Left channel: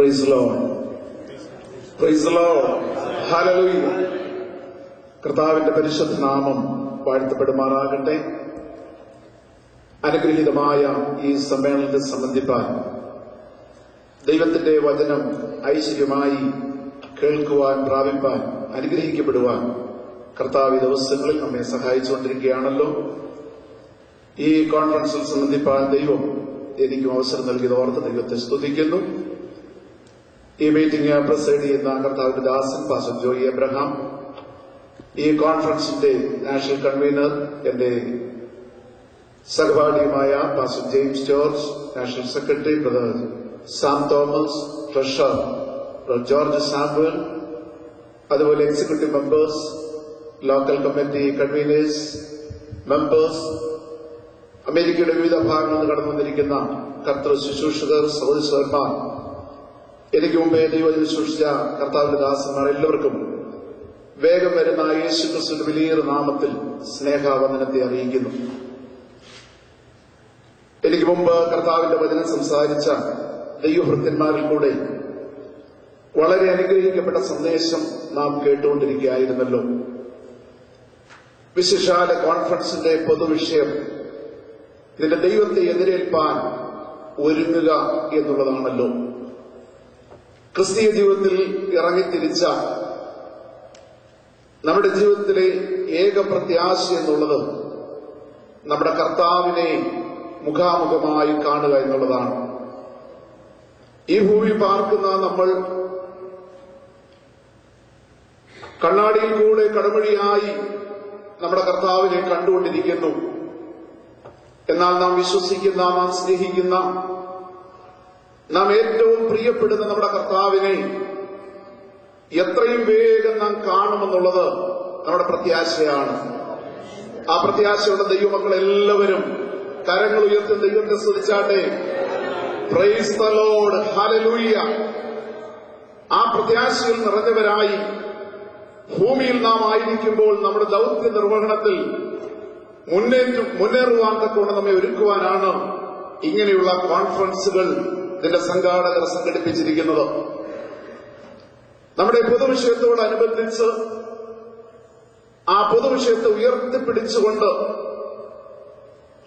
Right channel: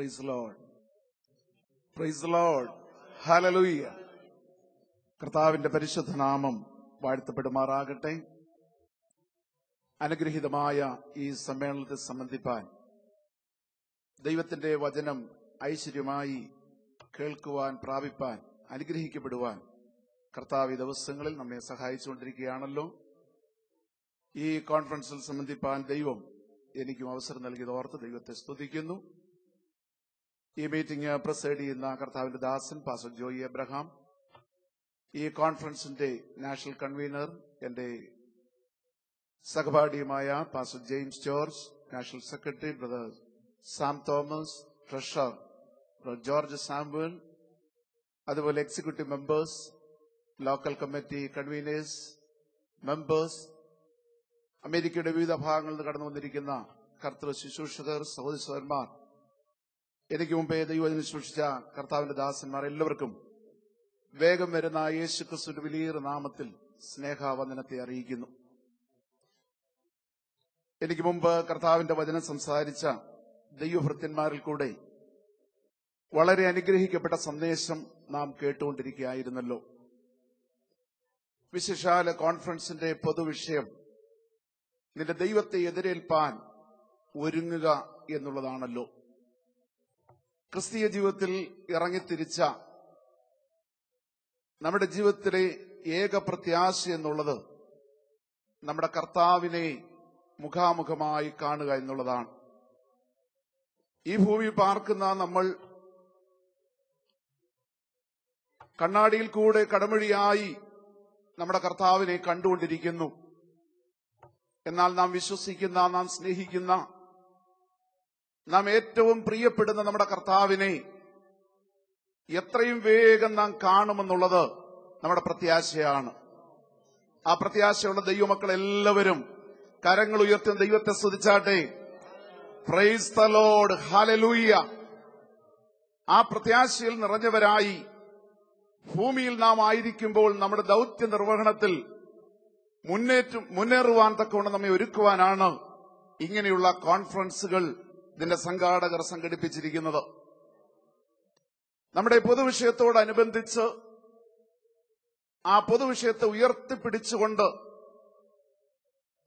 Price the Lord. Praise the Lord. Hallelujah. കർത്താവിന്റെ പരിശുദ്ധ നാമം വാഴ്ത്തപ്പെടുമാറാകട്ടെ. അനുഗ്രഹീതമായ ഈ സമ്മേളനത്തെ സംബന്ധിപ്പാൻ ദൈവത്തിന്റെ വചനം ഐശ്വര്യമായി കേൾക്കുവാൻ, പ്രാപിപ്പാൻ, അനുഗ്രഹിക്കപ്പെടുവാൻ കർത്താവ് ഈ ദിവസങ്ങളിൽ നമ്മെ സഹായിച്ചുകൊണ്ടിരിക്കുകയാണല്ലോ. ഈ കോൺഫറൻസിൽ സംബന്ധിപ്പാൻ ദൈവം എനിക്കും അവസരം നൽകിയത് ഓർത്ത് ദൈവത്തെ സ്തുതിക്കുന്നു. ഈ മീറ്റിംഗ് പ്രസൈഡ് ചെയ്യുന്ന കർത്താവിന്റെ ദാസൻ പാസ്റ്റർ ജോയി എബ്രഹാം, ഈ കോൺഫറൻസിന്റെ നാഷണൽ കൺവീനർ എന്റെ സഹപാഠിയുമായ pastor James George, national secretary brother Sam Thomas, treasurer brother George Samuel, അതുപോലെ executive members, local committee conveners, members, അമേരിക്കയുടെ വിവിധ ഭാഗങ്ങളിൽ കടന്നു വന്നിരിക്കുന്ന കർത്തൃ ശുശ്രൂഷകർ, സഹോദരന്മാർ, എനിക്ക് മുമ്പേ ദൈവത്തിൽ സൃഷ്ടിച്ച കർത്താവിന്റെ ദാസന്മാർ എല്ലാവർക്കും വേഗം വരുന്ന യേശു ക്രിസ്തുവിന്റെ വലിയൊരു നാമത്തിൽ സ്നേഹാവന്ദനത്തെ അറിയിക്കുന്നു. എനിക്ക് മുമ്പ് കർത്താവിന്റെ വചനം സംസാരിച്ച ദൈവഭൃത്യന്മാരിൽ കൂടെ വളരെ അനുഗ്രഹിക്കപ്പെട്ട സന്ദേശം നാം കേട്ടുകൊണ്ടിരിക്കുകയായിരുന്നല്ലോ. വിശിഷ്ടാല കോൺഫറൻസിന്റെ പൊതുവിഷയം ഇതിന്റെ ദൈവത്തെ എതിരേൽപ്പാൻ ഒരുങ്ങുക എന്നുള്ളതാണല്ലോ. ക്രിസ്തീയ ജീവിതത്തിൽ ഇറങ്ങിത്തിരിച്ച നമ്മുടെ ജീവിതത്തിലെ ഏക പ്രത്യാശ എന്നുള്ളത് നമ്മുടെ കർത്താവിനെ മുഖാമുഖമായി കാണുക എന്നുള്ളതാണ്. ഈ ഭൂമിയിൽ പാർക്കുന്ന നമ്മൾ കണ്ണാടിയിൽ കൂടെ കടമഴിയായി നമ്മുടെ കർത്താവിനെ കണ്ടുകൊണ്ടിരിക്കുന്നു. എന്നാൽ നാം വിശ്വസിക്കുന്ന, നാം സ്നേഹിക്കുന്ന, നാം ഏറ്റവും പ്രിയപ്പെടുന്ന നമ്മുടെ കർത്താവിനെ എത്രയും വേഗം നാം കാണുമെന്നുള്ളത് നമ്മുടെ പ്രത്യാശയാണ്. ആ പ്രത്യാശയുള്ള ദൈവമക്കൾ എല്ലാവരും കരങ്ങൾ ഉയർത്തി ദൈവത്തെ സ്തുതിച്ചാട്ടെ. Praise the Lord. ഹല്ലേലൂയ. ആ പ്രത്യാശയിൽ നിറഞ്ഞവരായി ഭൂമിയിൽ നാം ആയിരിക്കുമ്പോൾ നമ്മുടെ ദൗത്യ നിർവഹണത്തിൽ മുന്നേറുവാൻ തക്കവണ്ണം നമ്മെ ഒരുക്കുവാനാണ് ഇങ്ങനെയുള്ള കോൺഫറൻസുകൾ ഇതിന്റെ സംഘാടകർ സംഘടിപ്പിച്ചിരിക്കുന്നത്. നമ്മുടെ പൊതുവിഷയത്തോടനുബന്ധിച്ച് ആ പൊതുവിഷയത്തെ ഉയർത്തിപ്പിടിച്ചുകൊണ്ട്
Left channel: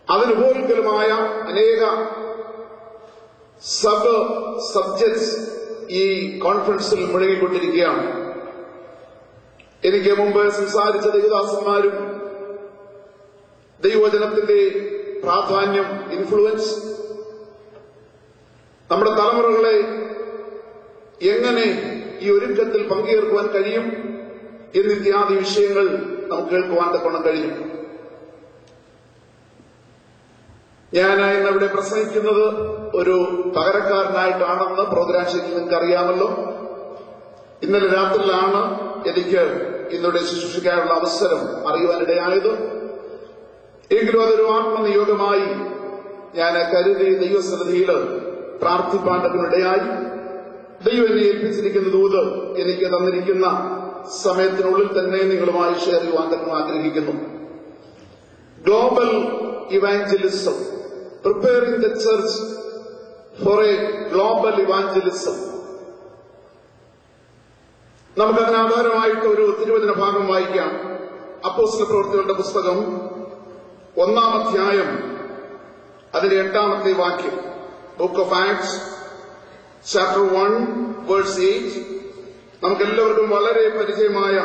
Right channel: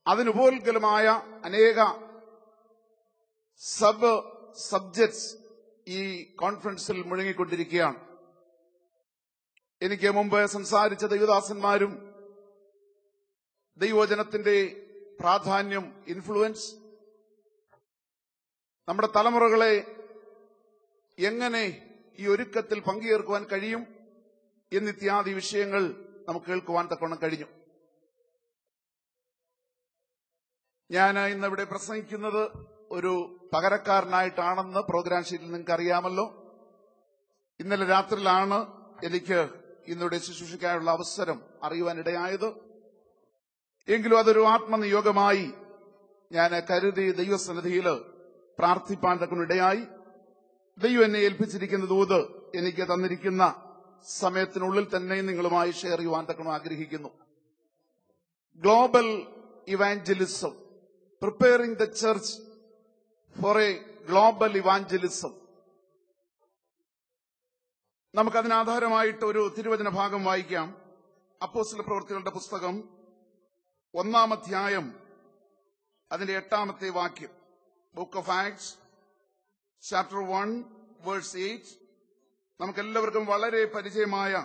അതിനുപോലുമായ അനേക സബ്ജക്ട്സ് ഈ കോൺഫറൻസിൽ മുഴങ്ങിക്കൊണ്ടിരിക്കുകയാണ്. എനിക്ക് മുമ്പ് സംസാരിച്ച ദൈവദാസന്മാരും ദൈവവചനത്തിന്റെ പ്രാധാന്യം, ഇൻഫ്ലുവൻസ്, നമ്മുടെ തലമുറകളെ എങ്ങനെ ഈ ഒരുക്കത്തിൽ പങ്കുചേർക്കുവാൻ കഴിയും എന്നിത്യാദി വിഷയങ്ങൾ നമുക്ക് കേൾക്കുവാൻ തക്കവണ്ണം കഴിയും. ഞാൻ ഇന്ന് ഇവിടെ പ്രസംഗിക്കുന്നത് ഒരു പകരക്കാരനായിട്ടാണെന്ന് പ്രോഗ്രാം ശൈലി നിങ്ങൾക്ക് അറിയാമല്ലോ. ഇന്നലെ രാത്രിയിലാണ് എനിക്ക് ഇന്നിവിടെ ശുശ്രൂഷിക്കാനുള്ള അവസരം അറിയുവാനിടയായത്. എങ്കിലും അതൊരു ആത്മനിയോഗമായി ഞാൻ കരുതി ദൈവസന്നിധിയിൽ പ്രാർത്ഥിപ്പാണ്ടതിനിടയായി ദൈവം എന്നെ ഏൽപ്പിച്ചിരിക്കുന്ന ദൂത് എനിക്ക് തന്നിരിക്കുന്ന സമയത്തിനുള്ളിൽ തന്നെ നിങ്ങളുമായി ഷെയർ ചെയ്യുവാൻ തന്നെ ആഗ്രഹിക്കുന്നു. Global evangelism, preparing the church four A global evangelism. നമുക്കതിന് ആധാരമായിട്ട് ഒരു തിരുവചന ഭാഗം വായിക്കാം. അപ്പോസ്തല പ്രവൃത്തികളുടെ പുസ്തകം 1-ാം അധ്യായം അതിന്റെ 8-ാമത്തെ വാക്യം. Book of Acts chapter 1 verse 8. നമുക്കെല്ലാവർക്കും വളരെ പരിചയമായ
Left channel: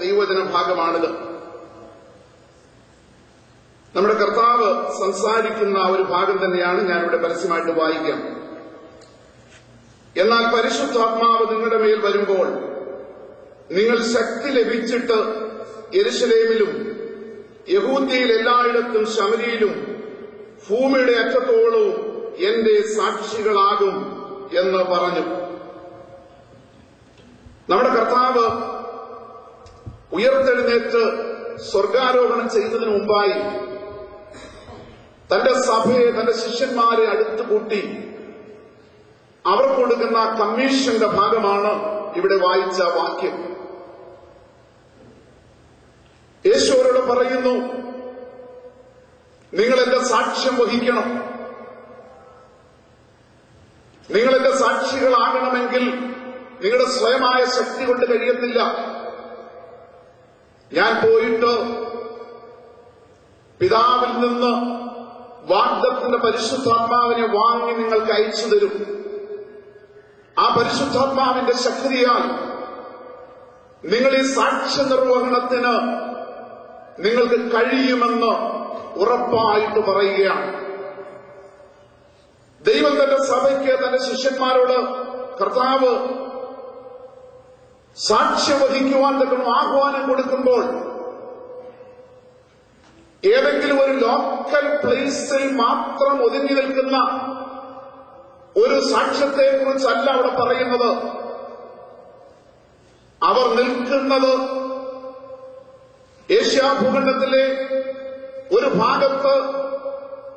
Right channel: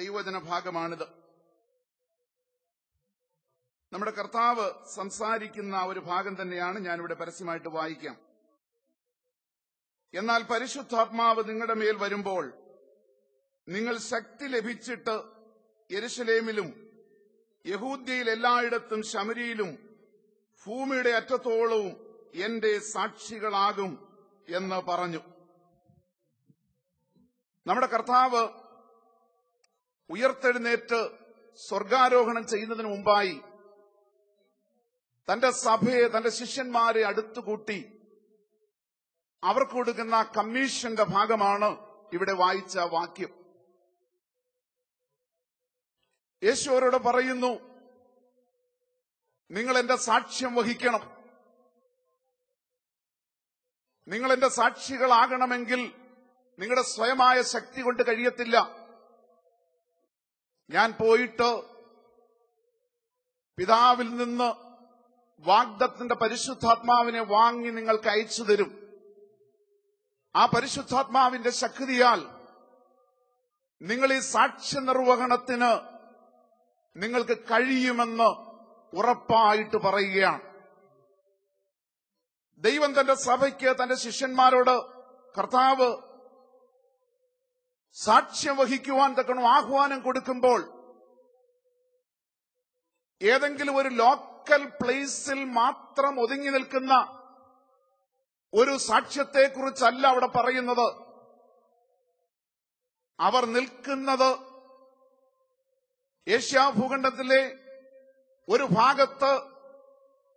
ദൈവവചന ഭാഗമാണിത്. നമ്മുടെ കർത്താവ് സംസാരിക്കുന്ന ഒരു ഭാഗം തന്നെയാണ് ഞാനിവിടെ പരസ്യമായിട്ട് വായിക്കാം. എന്നാൽ പരിശുദ്ധാത്മാവ് നിങ്ങളുടെ മേൽ വരുമ്പോൾ നിങ്ങൾ ശക്തി ലഭിച്ചിട്ട് യെരൂശലേമിലും യഹൂദ്യയിൽ എല്ലായിടത്തും ശമരിയിലും ഭൂമിയുടെ അറ്റത്തോളവും എന്റെ സാക്ഷികളാകും എന്ന് പറഞ്ഞു. നമ്മുടെ കർത്താവ് ഉയർത്തെഴുന്നേറ്റ് സ്വർഗാരോഹണം ചെയ്തതിനു മുമ്പായി തന്റെ സഭയെ, തന്റെ ശിഷ്യന്മാരെ അടുത്തു കൂട്ടി അവർക്ക് കൊടുക്കുന്ന കമ്മീഷന്റെ ഭാഗമാണ് ഇവിടെ വായിച്ച വാക്യം. യേശുവരോട് പറയുന്നു, നിങ്ങൾ എന്റെ സാക്ഷ്യം വഹിക്കണം, നിങ്ങൾ എന്റെ സാക്ഷികളാകണം ആകണമെങ്കിൽ നിങ്ങളുടെ സ്വയമായ ശക്തി കൊണ്ട് കഴിയത്തില്ല. ഞാൻ പോയിട്ട് പിതാവിൽ നിന്ന് വാഗ്ദത്തത്തിന്റെ പരിശുദ്ധാത്മാവിനെ വാങ്ങി നിങ്ങൾക്ക് അയച്ചു തരും. ആ പരിശുദ്ധാത്മാവിന്റെ ശക്തിയാൽ നിങ്ങൾ ഈ സാക്ഷ്യ നിർവഹണത്തിന് നിങ്ങൾക്ക് കഴിയുമെന്ന് ഉറപ്പായിട്ട് പറയുകയാണ്. ദൈവം തന്റെ സഭയ്ക്ക്, തന്റെ ശിഷ്യന്മാരോട് കർത്താവ് സാക്ഷ്യം വഹിക്കുവാൻ തന്നെ ആഹ്വാനം കൊടുക്കുമ്പോൾ ഏതെങ്കിലും ഒരു ലോക്കൽ പ്ലേസിൽ മാത്രം ഒതുങ്ങി നിൽക്കുന്ന ഒരു സാക്ഷ്യത്തെ കുറിച്ചല്ല അവിടെ പറയുന്നത്. അവർ നിൽക്കുന്നത് ഏഷ്യാഭൂഖണ്ഡത്തിലെ ഒരു ഭാഗത്ത്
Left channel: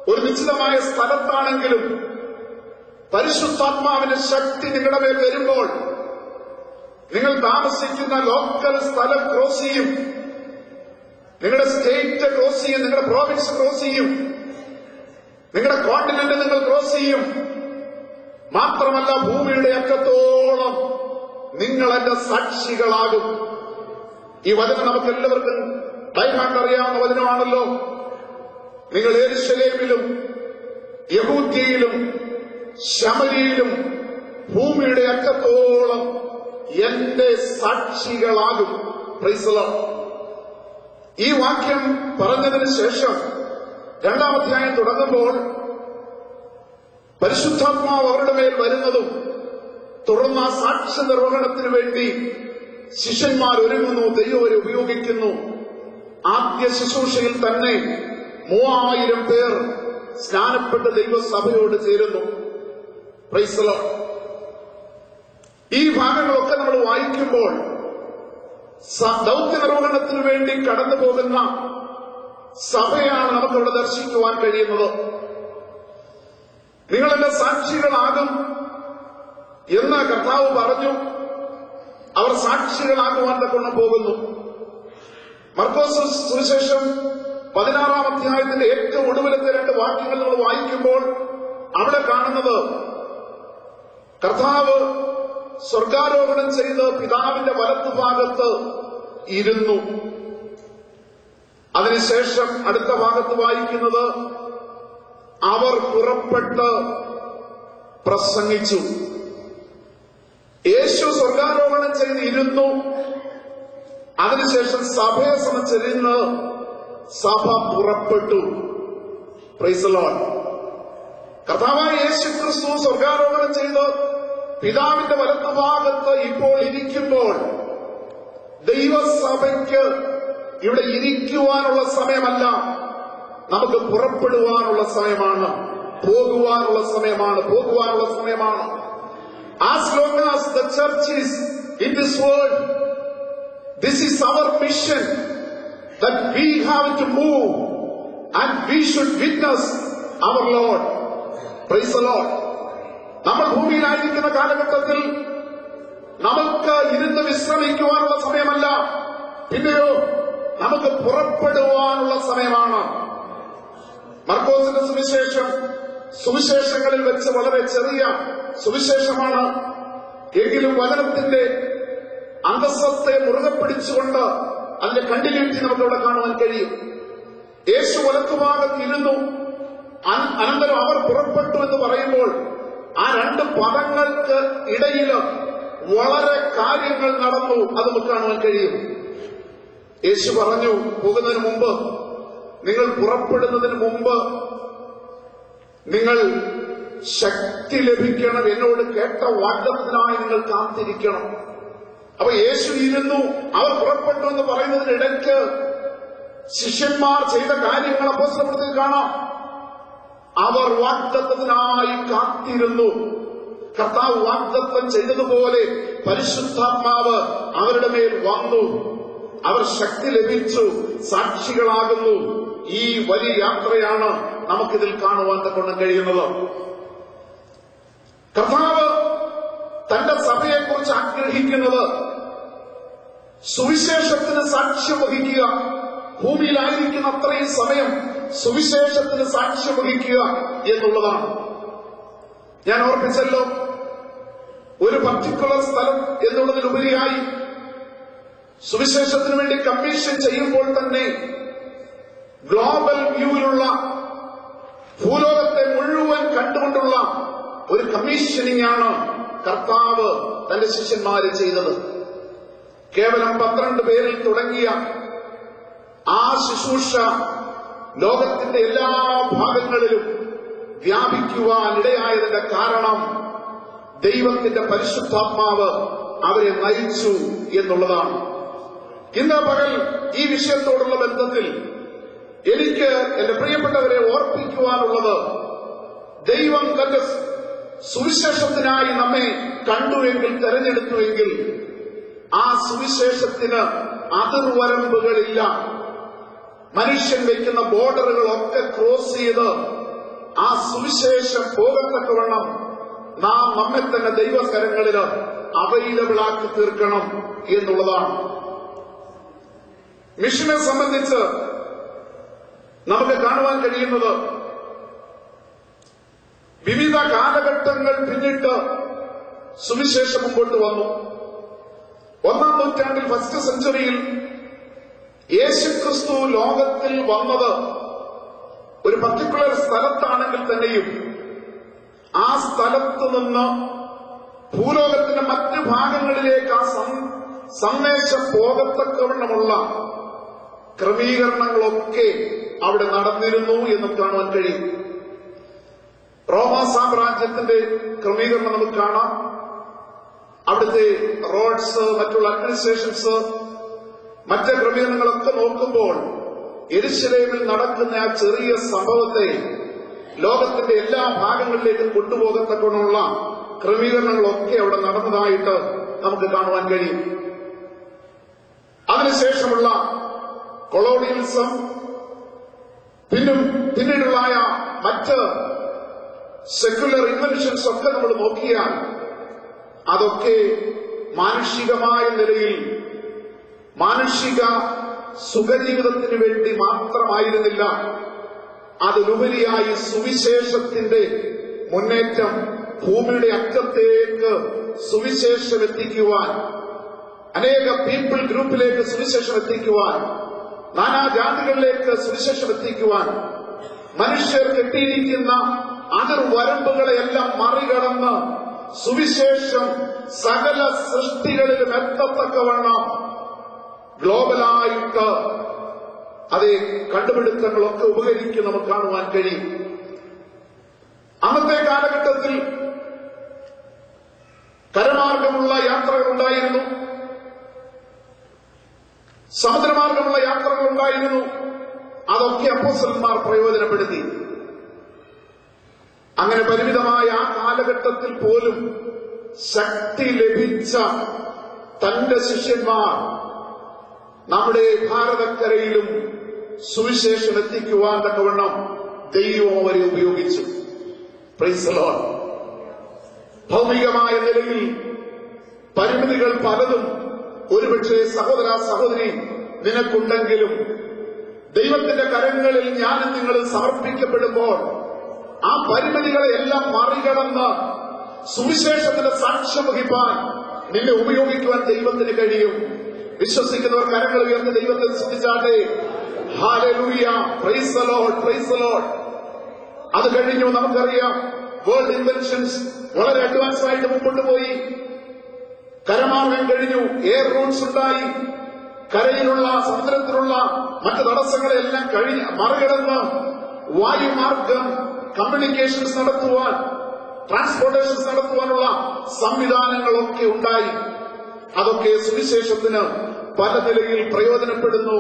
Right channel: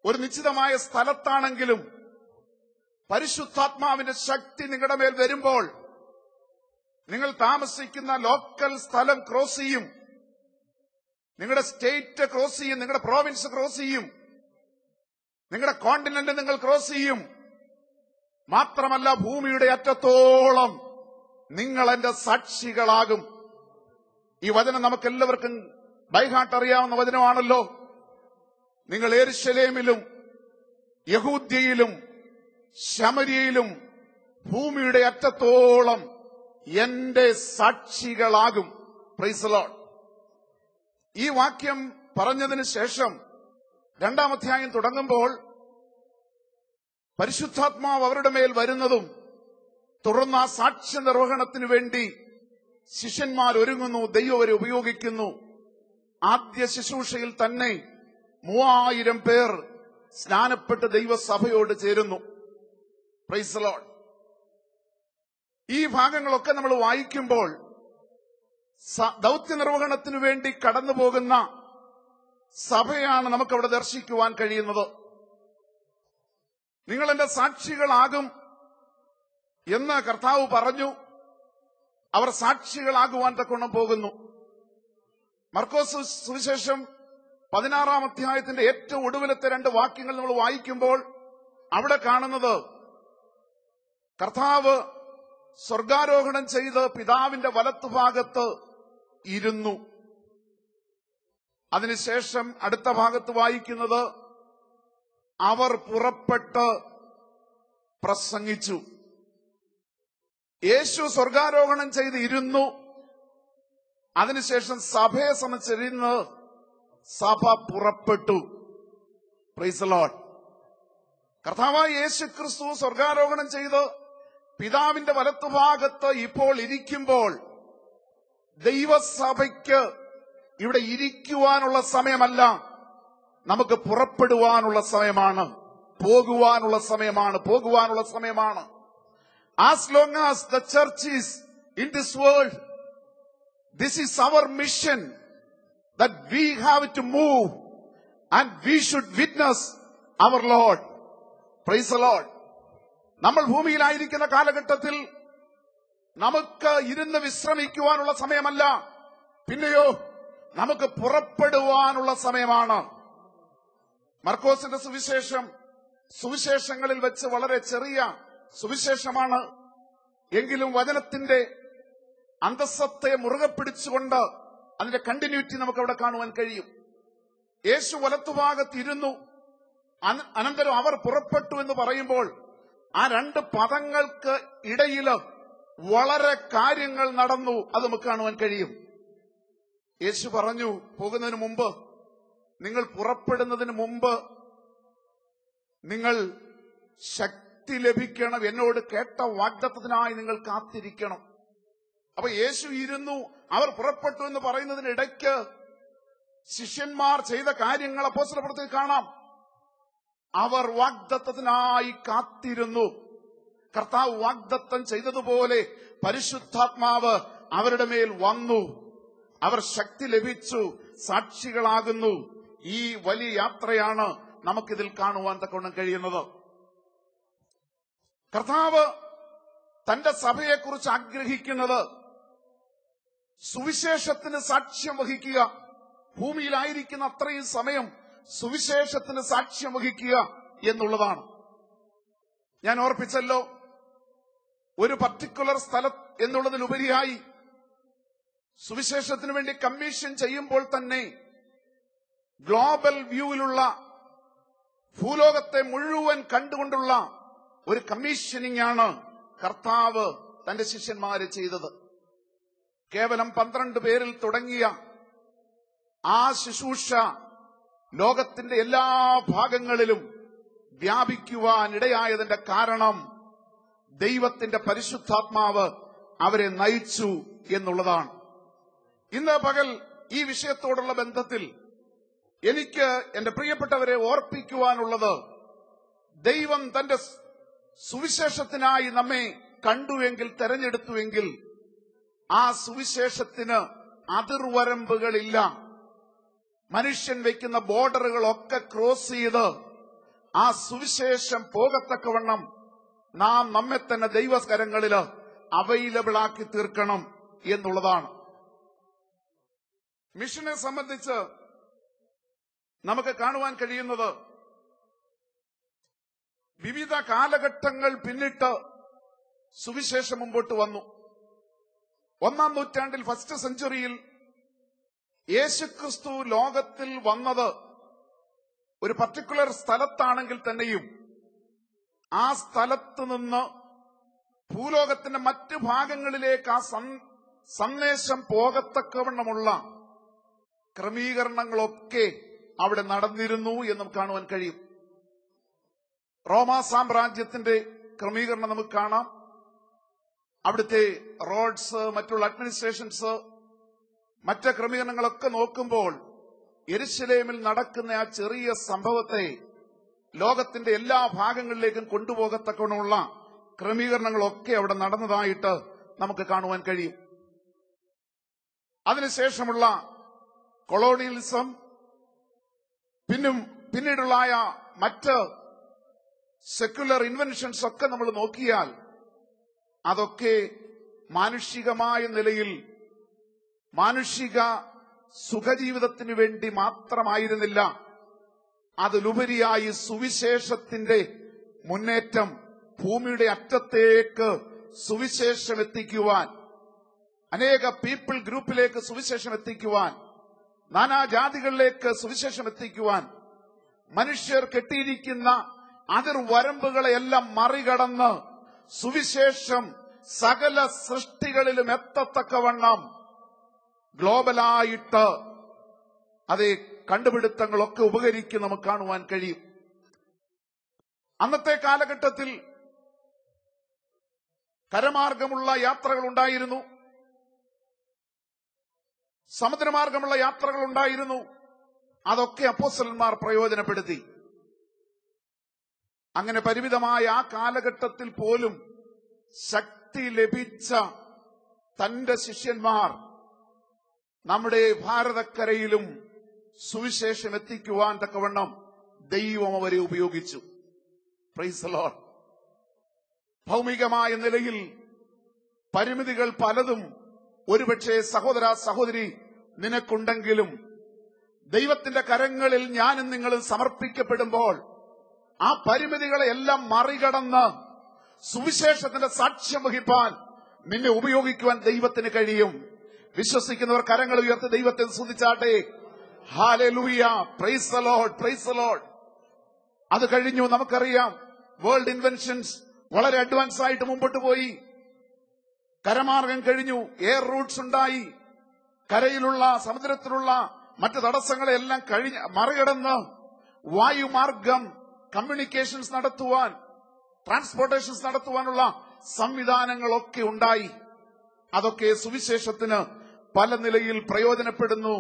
ഒരു നിശ്ചിതമായ സ്ഥലത്താണെങ്കിലും പരിശുദ്ധാത്മാവിന്റെ ശക്തി നിങ്ങളുടെ മേൽ വരുമ്പോൾ നിങ്ങൾ താമസിക്കുന്ന ലോക്കൽ സ്ഥലം ക്രോസ് ചെയ്യും, നിങ്ങളുടെ സ്റ്റേറ്റ് ക്രോസ് ചെയ്യും, നിങ്ങളുടെ പ്രോവിൻസ് ക്രോസ് ചെയ്യും, നിങ്ങളുടെ കോണ്ടിനെന്റ് നിങ്ങൾ ക്രോസ് ചെയ്യും. മാത്രമല്ല, ഭൂമിയുടെ അറ്റത്തോളം നിങ്ങൾ എന്റെ സാക്ഷികളാകും. ഈ വചനം നമുക്ക് എല്ലാവർക്കും ബൈഹാർട്ട് അറിയാവുന്ന വചനമാണല്ലോ. നിങ്ങൾ യെരൂശലേമിലും യഹൂദ്യയിലും ശമര്യയിലും ഭൂമിയുടെ അറ്റത്തോളം എന്റെ സാക്ഷികളാകും. Price the Lord. ഈ വാക്യം പറഞ്ഞതിന് ശേഷം 2-ാം അധ്യായം തുടങ്ങുമ്പോൾ പരിശുദ്ധാത്മാവ് അവരുടെ മേൽ വരുന്നതും തുടർന്ന് ആ സാക്ഷ്യ നിർവഹണത്തിന് വേണ്ടി ശിഷ്യന്മാർ ഒരുങ്ങുന്നു, ദൈവം അവരെ ഉപയോഗിക്കുന്നു. ആദ്യ ശുശ്രൂഷയിൽ തന്നെ 3000 പേർ സ്നാനപ്പെട്ട് ദൈവസഭയോട് ചേരുന്നു. Price the Lord. ഈ ഭാഗങ്ങളൊക്കെ നമ്മൾ വായിക്കുമ്പോൾ ദൗത്യ നിർവഹണത്തിന് വേണ്ടി കടന്നു പോകുന്ന സഭയാണ് നമുക്കവിടെ ദർശിക്കുവാൻ കഴിയുന്നത്. നിങ്ങളെന്റെ സാക്ഷികളാകും എന്ന് കർത്താവ് പറഞ്ഞു. അവർ സാക്ഷികളാകുവാൻ തക്കണം പോകുന്നു. മർക്കോസ് സുവിശേഷം 16-ാം അധ്യായത്തിന്റെ ഏറ്റവും ഒടുവിലത്തെ 2 വാക്യങ്ങൾ നമ്മൾ വായിക്കുമ്പോൾ അവിടെ കാണുന്നത് കർത്താവ് സ്വർഗാരോഹണം ചെയ്ത് പിതാവിന്റെ വലത്തുഭാഗത്ത് ഇരുന്നു. അതിനുശേഷം അടുത്ത ഭാഗത്ത് വായിക്കുന്നത് അവർ പുറപ്പെട്ട് പ്രസംഗിച്ചു. യേശു സ്വർഗാരോഹണം ചെയ്ത് ഇരുന്നു. അതിനുശേഷം സഭയെ സംബന്ധിച്ചിരുന്ന് സഭ പുറപ്പെട്ടു. Price the Lord. കർത്താവായ യേശു ക്രിസ്തു സ്വർഗാരോഹണം ചെയ്ത് പിതാവിന്റെ വലത്തുഭാഗത്ത് ഇപ്പോൾ ഇരിക്കുമ്പോൾ ദൈവസഭയ്ക്ക് ഇവിടെ ഇരിക്കുവാനുള്ള സമയമല്ല, നമുക്ക് പുറപ്പെടുവാനുള്ള സമയമാണ്, പോകുവാനുള്ള സമയമാണ്. As long as the church is in this world, this is our mission, that we have to move and we should witness our Lord. Praise the Lord. നമ്മൾ ഭൂമിയിലായിരിക്കുന്ന കാലഘട്ടത്തിൽ നമുക്ക് ഇരുന്ന് വിശ്രമിക്കുവാനുള്ള സമയമല്ല, പിന്നെയോ നമുക്ക് പുറപ്പെടുവാനുള്ള സമയമാണ്. മർക്കോസിന്റെ സുവിശേഷം സുവിശേഷങ്ങളിൽ വെച്ച് വളരെ ചെറിയ സുവിശേഷമാണ്. എങ്കിലും വചനത്തിന്റെ അന്തസ്സത്തെ മുറുകെ പിടിച്ചുകൊണ്ട് അതിന്റെ കണ്ടിന്യൂറ്റി നമുക്കിവിടെ കാണുവാൻ കഴിയും. യേശു വലത്തുഭാഗത്തിരുന്നു, അനന്തരം അവർ പുറപ്പെട്ടു എന്ന് പറയുമ്പോൾ ആ 2 പദങ്ങൾക്ക് ഇടയിൽ വളരെ കാര്യങ്ങൾ നടന്നു. അത് നമുക്ക് കാണുവാൻ കഴിയും. യേശു പറഞ്ഞു, പോകുന്നതിന് മുമ്പ്, നിങ്ങൾ പുറപ്പെടുന്നതിന് മുമ്പ് നിങ്ങൾ ശക്തി ലഭിക്കണം, എന്നോട് കേട്ട വാഗ്ദത്തത്തിനായി നിങ്ങൾ കാത്തിരിക്കണം. അപ്പൊ യേശു ഇരുന്നു, അവർ പുറപ്പെട്ടു എന്ന് പറയുന്നതിനിടയ്ക്ക് ശിഷ്യന്മാർ ചെയ്ത കാര്യങ്ങൾ അപ്പോസ്തലപ്രവൃത്തിയിൽ കാണാം. അവർ വാഗ്ദത്തത്തിനായി കാത്തിരുന്നു. കർത്താവ് വാഗ്ദത്തം ചെയ്തതുപോലെ പരിശുദ്ധാത്മാവ് അവരുടെ മേൽ വന്നു. അവർ ശക്തി ലഭിച്ചു, സാക്ഷികളാകുന്നു. ഈ വലിയ യാത്രയാണ് നമുക്കിതിൽ കാണുവാൻ തക്കണം കഴിയുന്നത്. കർത്താവ് തന്റെ സഭയെക്കുറിച്ച് ആഗ്രഹിക്കുന്നത് സുവിശേഷത്തിന് സാക്ഷ്യം വഹിക്കുക, ഭൂമിയിലായിരിക്കുന്ന അത്രയും സമയം സുവിശേഷത്തിന് സാക്ഷ്യം വഹിക്കുക എന്നുള്ളതാണ്. ഞാൻ ഓർപ്പിച്ചല്ലോ, ഒരു പർട്ടിക്കുലർ സ്ഥലം എന്നുള്ളതിലുപരിയായി സുവിശേഷത്തിന് വേണ്ടി കമ്മീഷൻ ചെയ്യുമ്പോൾ തന്നെ ഗ്ലോബൽ വ്യൂവിലുള്ള ഭൂലോകത്തെ മുഴുവൻ കണ്ടുകൊണ്ടുള്ള ഒരു കമ്മീഷനിങ് ആണ് കർത്താവ് തന്റെ ശിഷ്യന്മാരെ ചെയ്തത്. കേവലം 12 പേരിൽ തുടങ്ങിയ ആ ശുശ്രൂഷ ലോകത്തിന്റെ എല്ലാ ഭാഗങ്ങളിലും വ്യാപിക്കുവാൻ ഇടയായതിന്റെ കാരണം ദൈവത്തിന്റെ പരിശുദ്ധാത്മാവ് അവരെ നയിച്ചു എന്നുള്ളതാണ്. ഇന്ന് പകൽ ഈ വിഷയത്തോടുള്ള ബന്ധത്തിൽ എനിക്ക് എന്റെ പ്രിയപ്പെട്ടവരെ ഓർപ്പിക്കുവാനുള്ളത്, ദൈവം തന്റെ സുവിശേഷത്തിനായി നമ്മെ കണ്ടുവെങ്കിൽ, തെരഞ്ഞെടുത്തുവെങ്കിൽ ആ സുവിശേഷത്തിന് അതിർവരമ്പുകളില്ല. മനുഷ്യൻ വയ്ക്കുന്ന ബോർഡറുകളൊക്കെ ക്രോസ് ചെയ്ത് ആ സുവിശേഷം പോകത്തക്കവണ്ണം നാം നമ്മെ തന്നെ ദൈവകരങ്ങളിൽ അവൈലബിൾ ആക്കി തീർക്കണം എന്നുള്ളതാണ്. മിഷനെ സംബന്ധിച്ച് നമുക്ക് കാണുവാൻ കഴിയുന്നത്, വിവിധ കാലഘട്ടങ്ങൾ പിന്നിട്ട് സുവിശേഷം മുമ്പോട്ട് വന്നു. 1-ാം നൂറ്റാണ്ടിൽ, ഫസ്റ്റ് സെഞ്ചുറിയിൽ യേശുക്രിസ്തു ലോകത്തിൽ വന്നത് ഒരു പർട്ടിക്കുലർ സ്ഥലത്താണെങ്കിൽ തന്നെയും ആ സ്ഥലത്ത് നിന്ന് ഭൂലോകത്തിന്റെ മറ്റ് ഭാഗങ്ങളിലേക്ക് ആ സന്ദേശം പോകത്തക്കവണ്ണമുള്ള ക്രമീകരണങ്ങളൊക്കെ അവിടെ നടന്നിരുന്നു എന്ന് കാണുവാൻ കഴിയും. റോമാ സാമ്രാജ്യത്തിന്റെ ക്രമീകരണം നമുക്ക് കാണാം. അവിടുത്തെ റോഡ്സ്, മറ്റുള്ള അഡ്മിനിസ്ട്രേഷൻസ്, മറ്റ് ക്രമീകരണങ്ങളൊക്കെ നോക്കുമ്പോൾ യെരുശലേമിൽ നടക്കുന്ന ആ ചെറിയ സംഭവത്തെ ലോകത്തിന്റെ എല്ലാ ഭാഗങ്ങളിലേക്കും കൊണ്ടുപോകത്തക്കമുള്ള ക്രമീകരണങ്ങളൊക്കെ അവിടെ നടന്നതായിട്ട് നമുക്ക് കാണുവാൻ കഴിയും. അതിനുശേഷമുള്ള കൊളോണിയലിസം, പിന്നീടുള്ളായ മറ്റ് സെക്യുലർ ഇൻവെൻഷൻസ് ഒക്കെ നമ്മൾ നോക്കിയാൽ അതൊക്കെ മാനുഷികമായ നിലയിൽ മാനുഷിക സുഖജീവിതത്തിന് വേണ്ടി മാത്രമായിരുന്നില്ല. അതിലുപരിയായി സുവിശേഷത്തിന്റെ മുന്നേറ്റം, ഭൂമിയുടെ അറ്റത്തേക്ക് സുവിശേഷം എത്തിക്കുവാൻ, അനേക പീപ്പിൾ ഗ്രൂപ്പിലേക്ക് സുവിശേഷം എത്തിക്കുവാൻ, നാനാജാതികളിലേക്ക് സുവിശേഷം എത്തിക്കുവാൻ, മനുഷ്യർ കെട്ടിയിരിക്കുന്ന അതിർവരമ്പുകളെയെല്ലാം മറികടന്ന് സുവിശേഷം സകല സൃഷ്ടികളിലും എത്തത്തക്കവണ്ണം ഗ്ലോബലായിട്ട് അതേ കണ്ടുപിടുത്തങ്ങളൊക്കെ ഉപകരിക്കും നമുക്ക് കാണുവാൻ കഴിയും. അന്നത്തെ കാലഘട്ടത്തിൽ കരമാർഗമുള്ള യാത്രകൾ ഉണ്ടായിരുന്നു, സമുദ്രമാർഗമുള്ള യാത്രകൾ ഉണ്ടായിരുന്നു. അതൊക്കെ അപ്പോസ്തലന്മാർ പ്രയോജനപ്പെടുത്തി. അങ്ങനെ പരിമിതമായ ആ കാലഘട്ടത്തിൽ പോലും ശക്തി ലഭിച്ച തന്റെ ശിഷ്യന്മാർ നമ്മുടെ ഭാരതക്കരയിലും സുവിശേഷം എത്തിക്കുവാൻ തക്കവണ്ണം ദൈവം അവരെ ഉപയോഗിച്ചു. Price the Lord. ഭൗമികമായ നിലയിൽ പരിമിതികൾ പലതും ഒരുപക്ഷെ സഹോദര സഹോദരി നിനക്കുണ്ടെങ്കിലും ദൈവത്തിന്റെ കരങ്ങളിൽ ഞാനും നിങ്ങൾ സമർപ്പിക്കപ്പെടുമ്പോൾ ആ പരിമിതികളെല്ലാം മറികടന്ന് സുവിശേഷത്തിന് സാക്ഷ്യം വഹിക്കാൻ നിന്നെ ഉപയോഗിക്കുവാൻ ദൈവത്തിന് കഴിയും. വിശ്വസിക്കുന്നവർ കരങ്ങൾ ഉയർത്തി ദൈവത്തെ സ്തുതിച്ചാട്ടെ. Hallelujah, praise the Lord, praise the Lord. അത് കഴിഞ്ഞു നമുക്കറിയാം, വേൾഡ് ഇൻവെൻഷൻസ് വളരെ അഡ്വാൻസ് ആയിട്ട് മുമ്പോട്ട് പോയി. കരമാർഗം കഴിഞ്ഞു, എയർ റൂട്ട്സ് ഉണ്ടായി. കരയിലുള്ള സമുദ്രത്തിലുള്ള മറ്റ് തടസ്സങ്ങളെല്ലാം മറികടന്ന് വായുമാർഗം കമ്മ്യൂണിക്കേഷൻസ് നടത്തുവാൻ, ട്രാൻസ്പോർട്ടേഷൻസ് നടത്തുവാനുള്ള സംവിധാനങ്ങളൊക്കെ ഉണ്ടായി. അതൊക്കെ സുവിശേഷത്തിന് പല നിലയിൽ പ്രയോജനപ്പെടുന്നു.